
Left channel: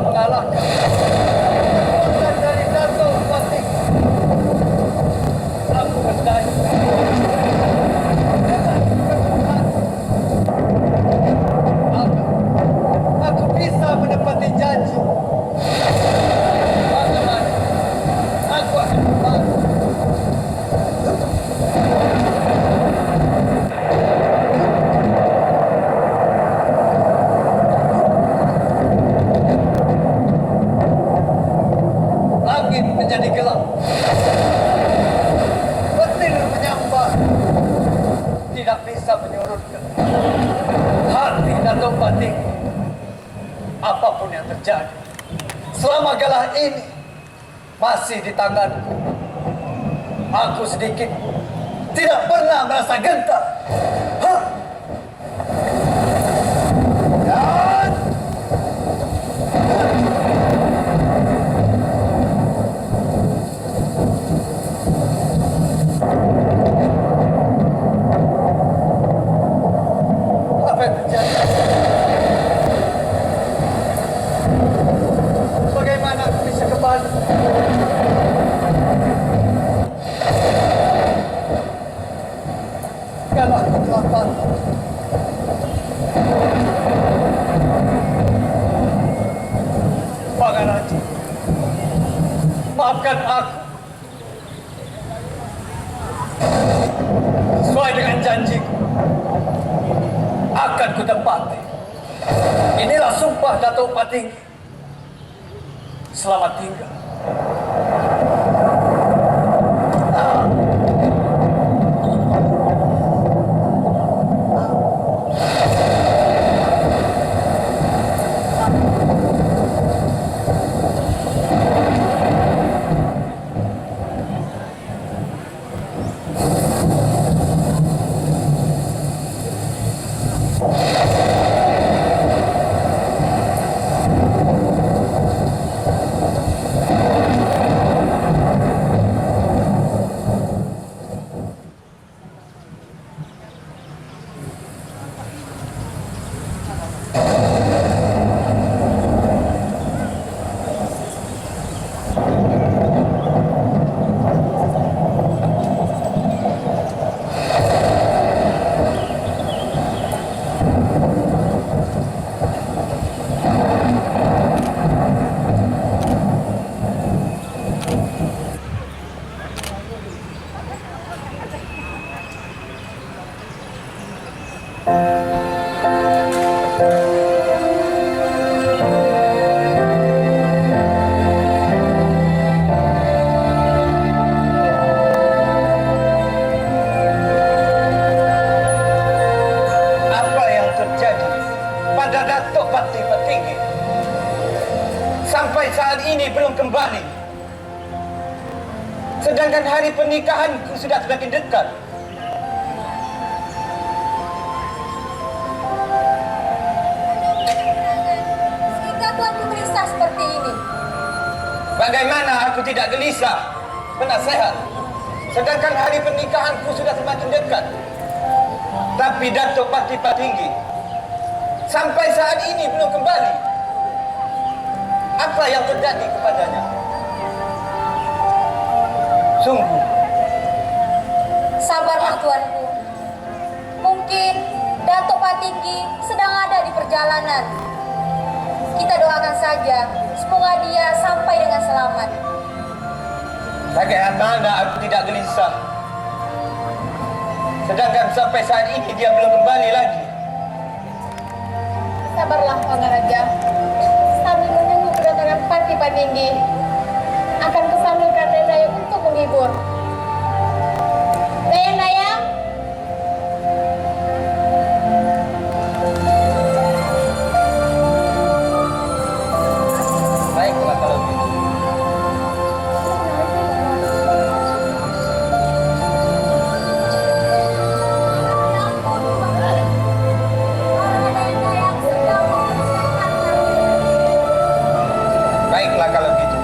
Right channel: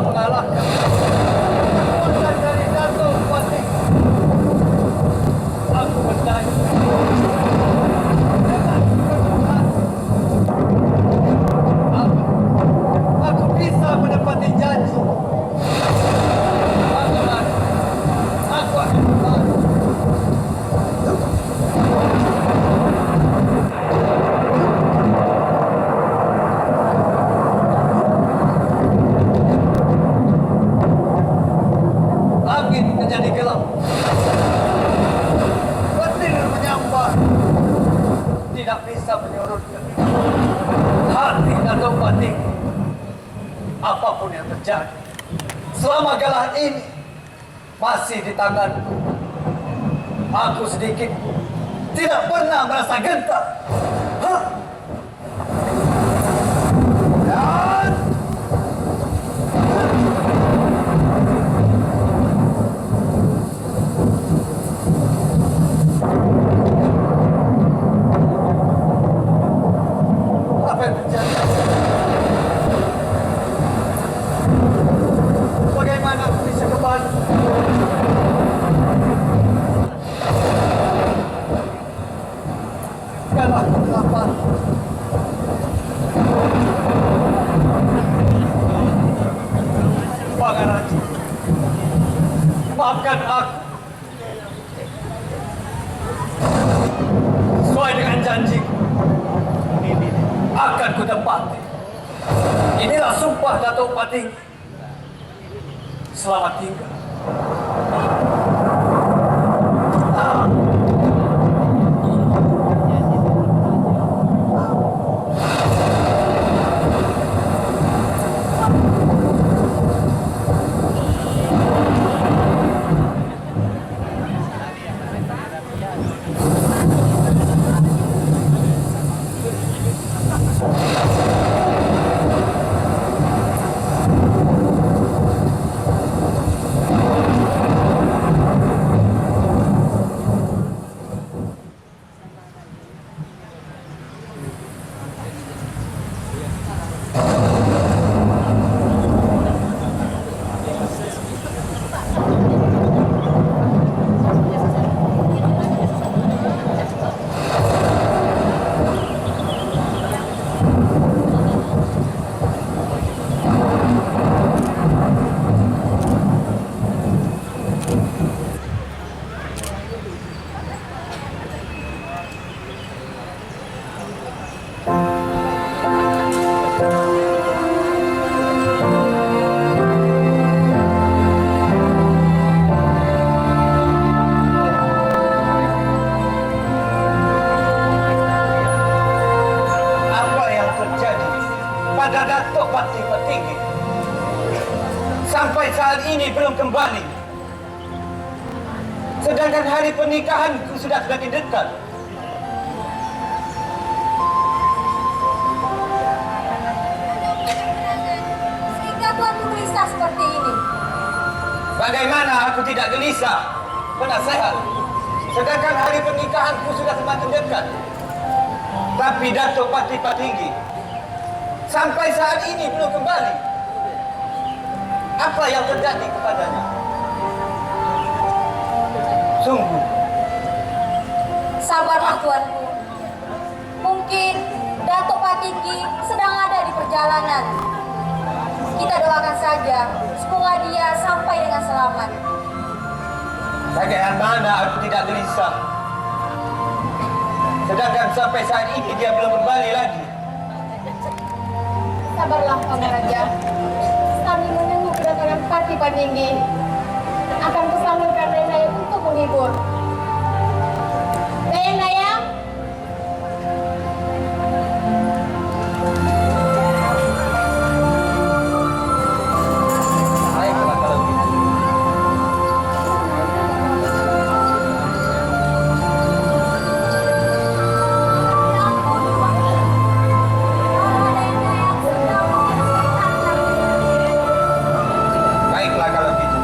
mengalahkan kekuatan dari Datuk Patih. Aku bertanya, aku bisa menepati janji. Bagaimana? Aku akan membantu. Langit menjadi gelap. Petir menyambar. Tidak bisa menyurutkan hati Datuk Patih. Apapun yang terjadi, selama galah ini masih di tanganku, aku sedikit tidak pernah merasa gentar. Hah? Dan apa yang terjadi? Bagaimana aku bisa kembali? Kalau aku lapar, Pangaraja, maafkan aku. Sesuai dengan janjiku, akan kutepati. Inilah sumpah Datuk Patih. Selamat tinggal. pada Datuk Patih Petinggi. Sampai saat ini belum kembali. Sedangkan hari pernikahanku sudah semakin dekat. Sehingga tuanku gelisah seperti ini. Bagaimana aku tidak gelisah, penasehat? Sedangkan hari pernikahanku sudah semakin dekat. Tapi Datuk Patih Petinggi sampai saat ini belum kembali. Apa yang terjadi kepadanya? Sungguh. Sabarlah tuanku. Mungkin Datuk Patinggi sedang ada di perjalanan. Kita doakan saja semoga dia sampai dengan selamat. Bagaimana aku tidak gelisah? Sedangkan sampai saat ini dia belum kembali lagi. Sabarlah, Pangaraja. Sambil menunggu kedatangan Patih Patinggi, akan kusambilkan Dayang untuk menghibur. Dayang. Baiklah kalau gitu. Baiklah kalau gitu.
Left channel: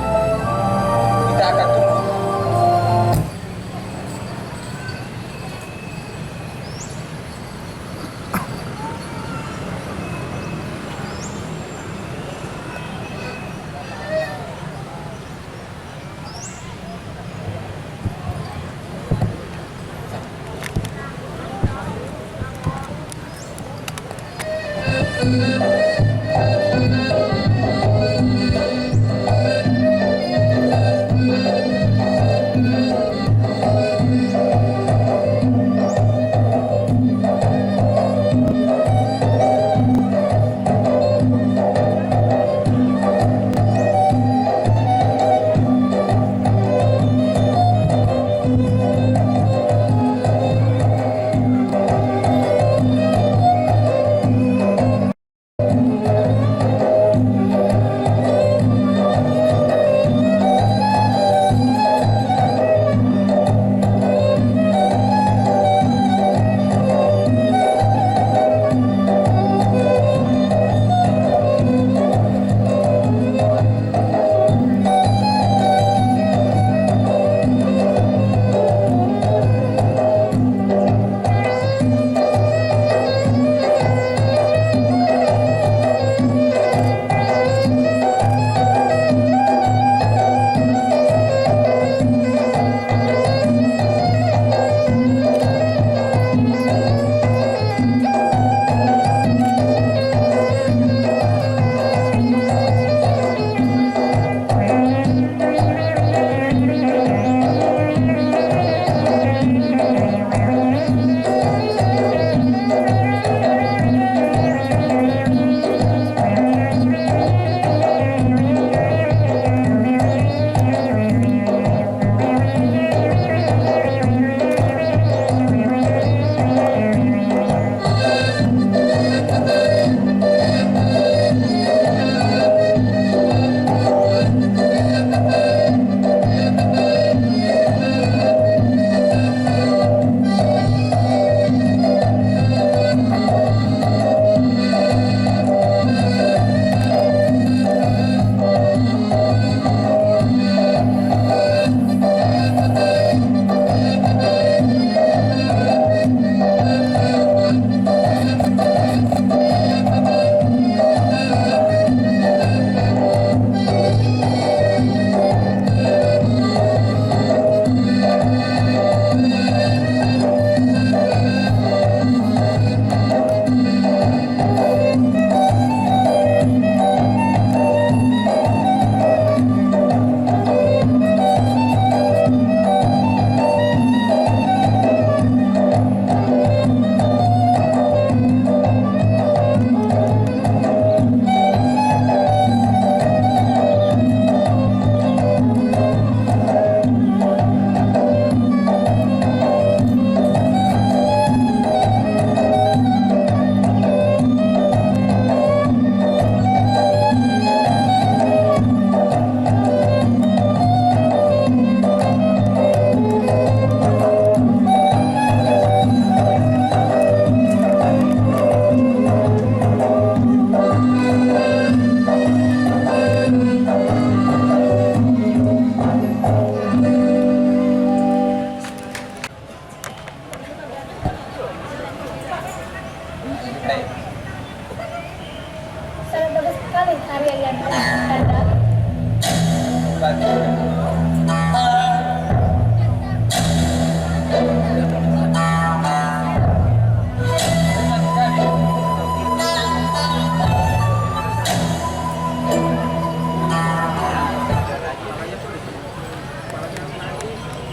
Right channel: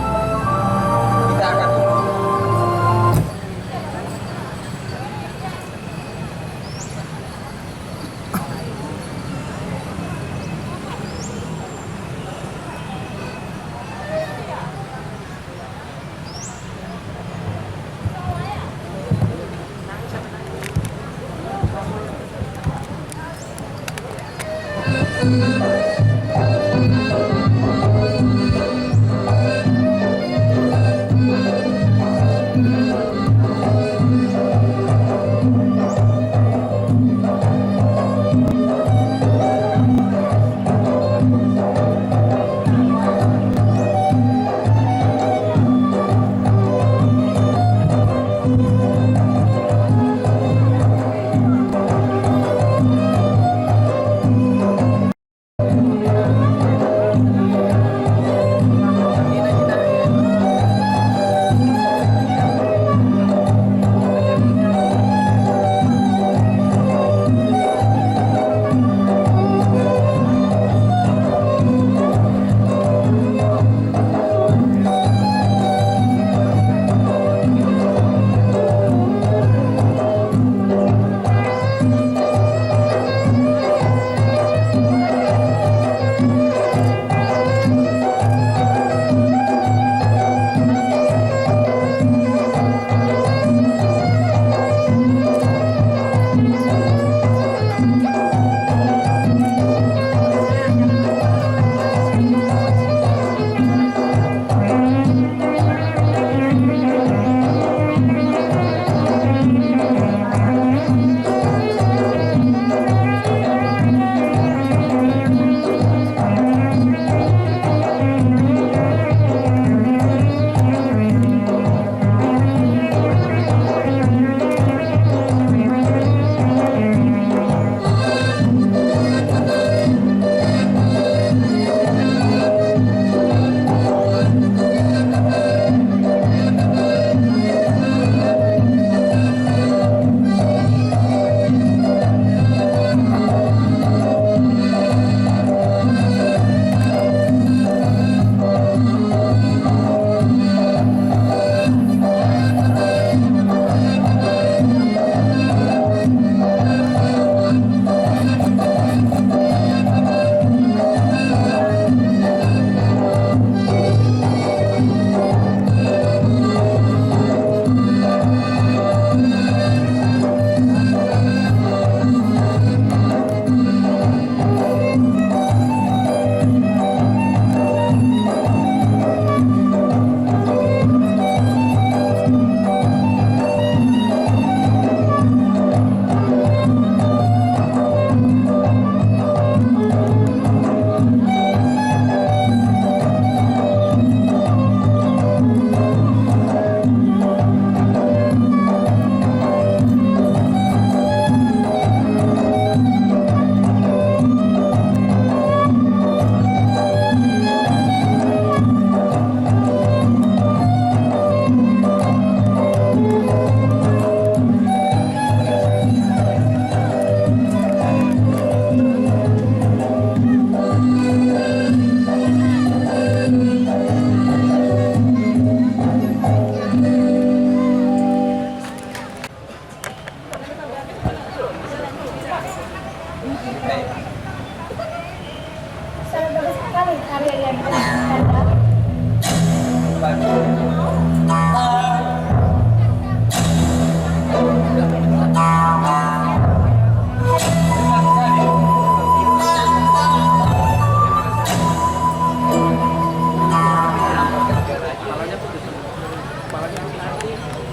sekali karya yang Kanda.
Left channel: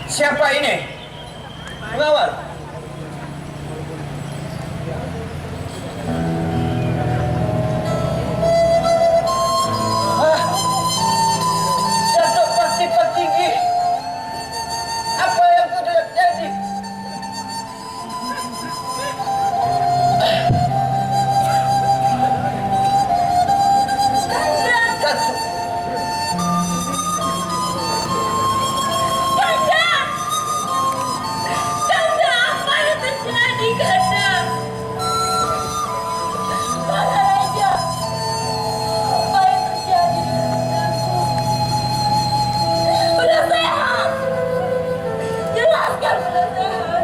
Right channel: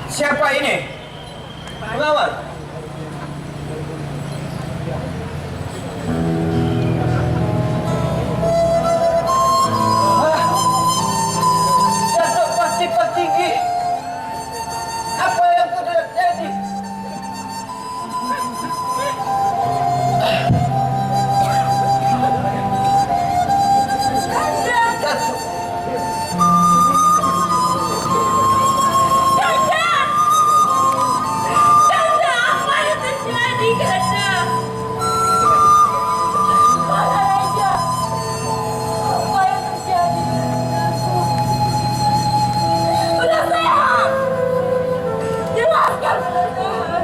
Siapa ini? Pengawal. Datuk Pasti Petinggi. Apa yang sudah terjadi? Datuk. Kanda, apa yang terjadi, Kanda? Maharaja, apa yang terjadi denganku? Udah sehat. Jelaskan udah sehat.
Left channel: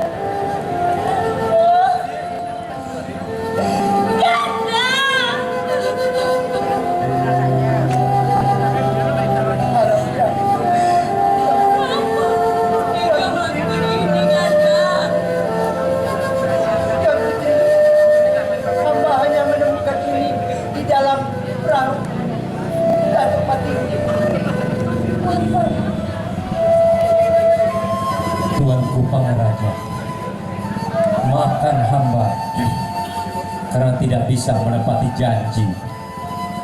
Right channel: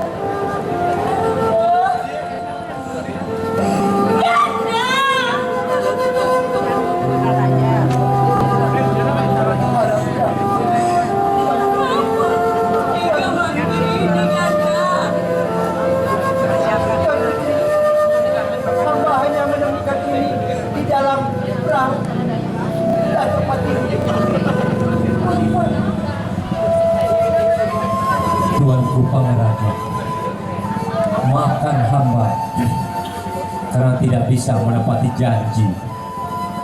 Hamba hanya menemukan ini di dalam perahu Datuk Petinggi. Tuanku Pangaraja, maafkan hamba karena tidak bisa menepati janji.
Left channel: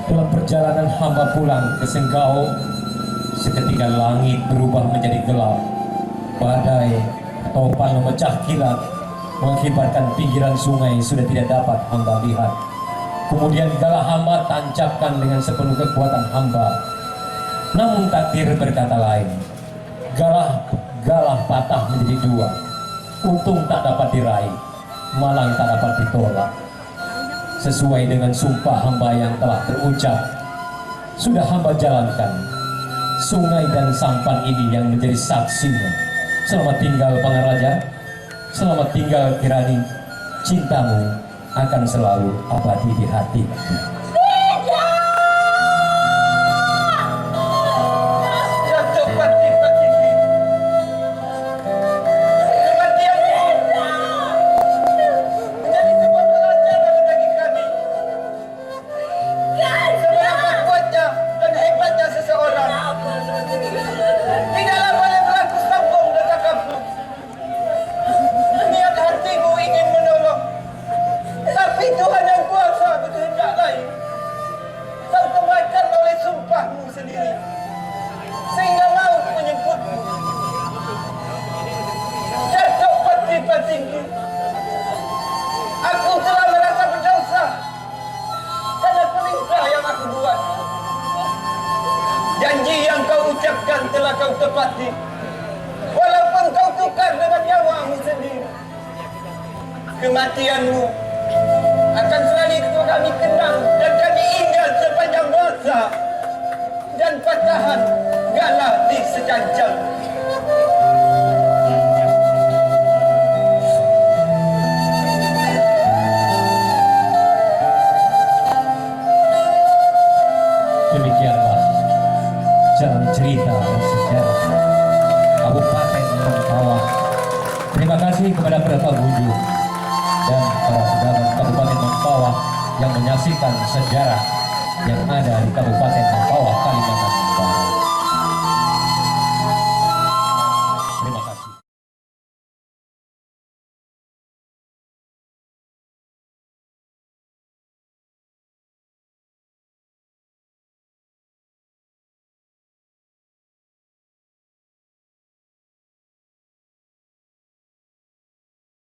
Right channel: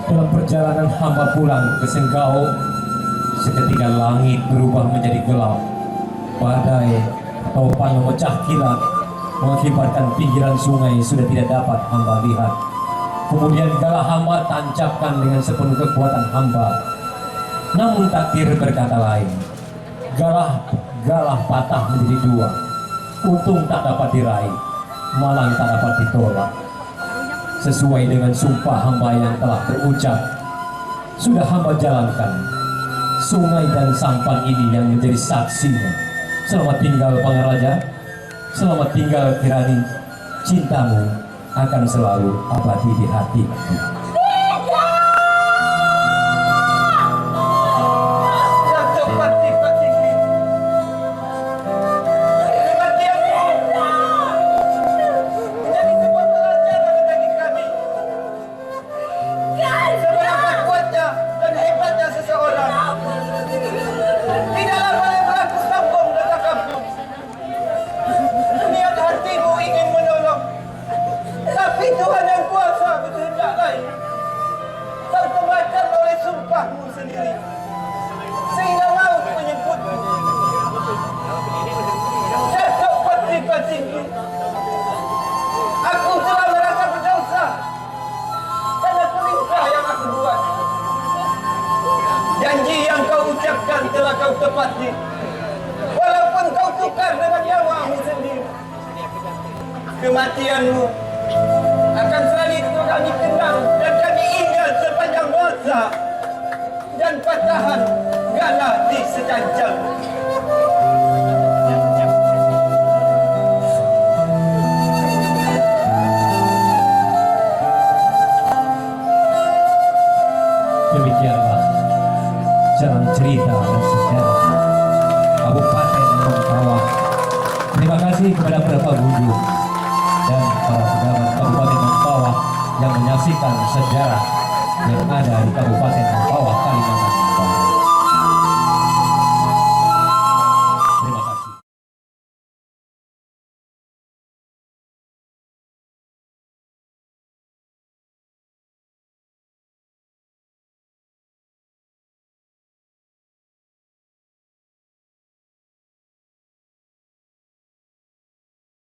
Dalam perjalanan hamba pulang ke Senggao, seketika langit berubah menjadi gelap. Badai topan memecah kilat, mengakibatkan pinggiran sungai sudah tidak dapat hamba lihat. Kemudian galah hamba tancapkan dengan sepenuh kekuatan hamba. Namun takdir berkata lain. Galah patah menjadi dua. Untung tak dapat diraih, malang tak dapat ditolak. Sesuai dengan sumpah hamba yang telah terucap, sudah hamba jalankan. Sungai dan sampan ini yang menjadi saksinya. Selamat tinggal Pangaraja, selamat tinggal Kirani. Cintamu akan selalu abadi di hatiku. Datuk Pasti Petinggi. Kematianmu menjadi sebuah pelajaran bagi kami. Seberapa kuatnya dan hebatnya seseorang. Tidaklah boleh berlaku sombong dan takabur. Niat hatimu ingin menolong, tapi Tuhan yang kuasa berkehendak lain. Kau terbakar oleh sumpahmu sendiri, sehingga maut menyebutmu. Datuk Pasti Petinggi, aku telah merasa berdosa karena perintah yang aku buat. Janji yang kau ucapkan telah kau tepati, walaupun kau tukar dengan nyawamu sendiri. Kematianmu akan selalu kami kenang dan kami ingat sepanjang masa, dan patahan galah di sejanjang. Demikianlah jalan cerita dan sejarah Kabupaten Mempawah. Terima kasih kepada para pengunjung dan para pejabat Kabupaten Mempawah yang menyaksikan sejarah yang ada di Kabupaten Mempawah, Kalimantan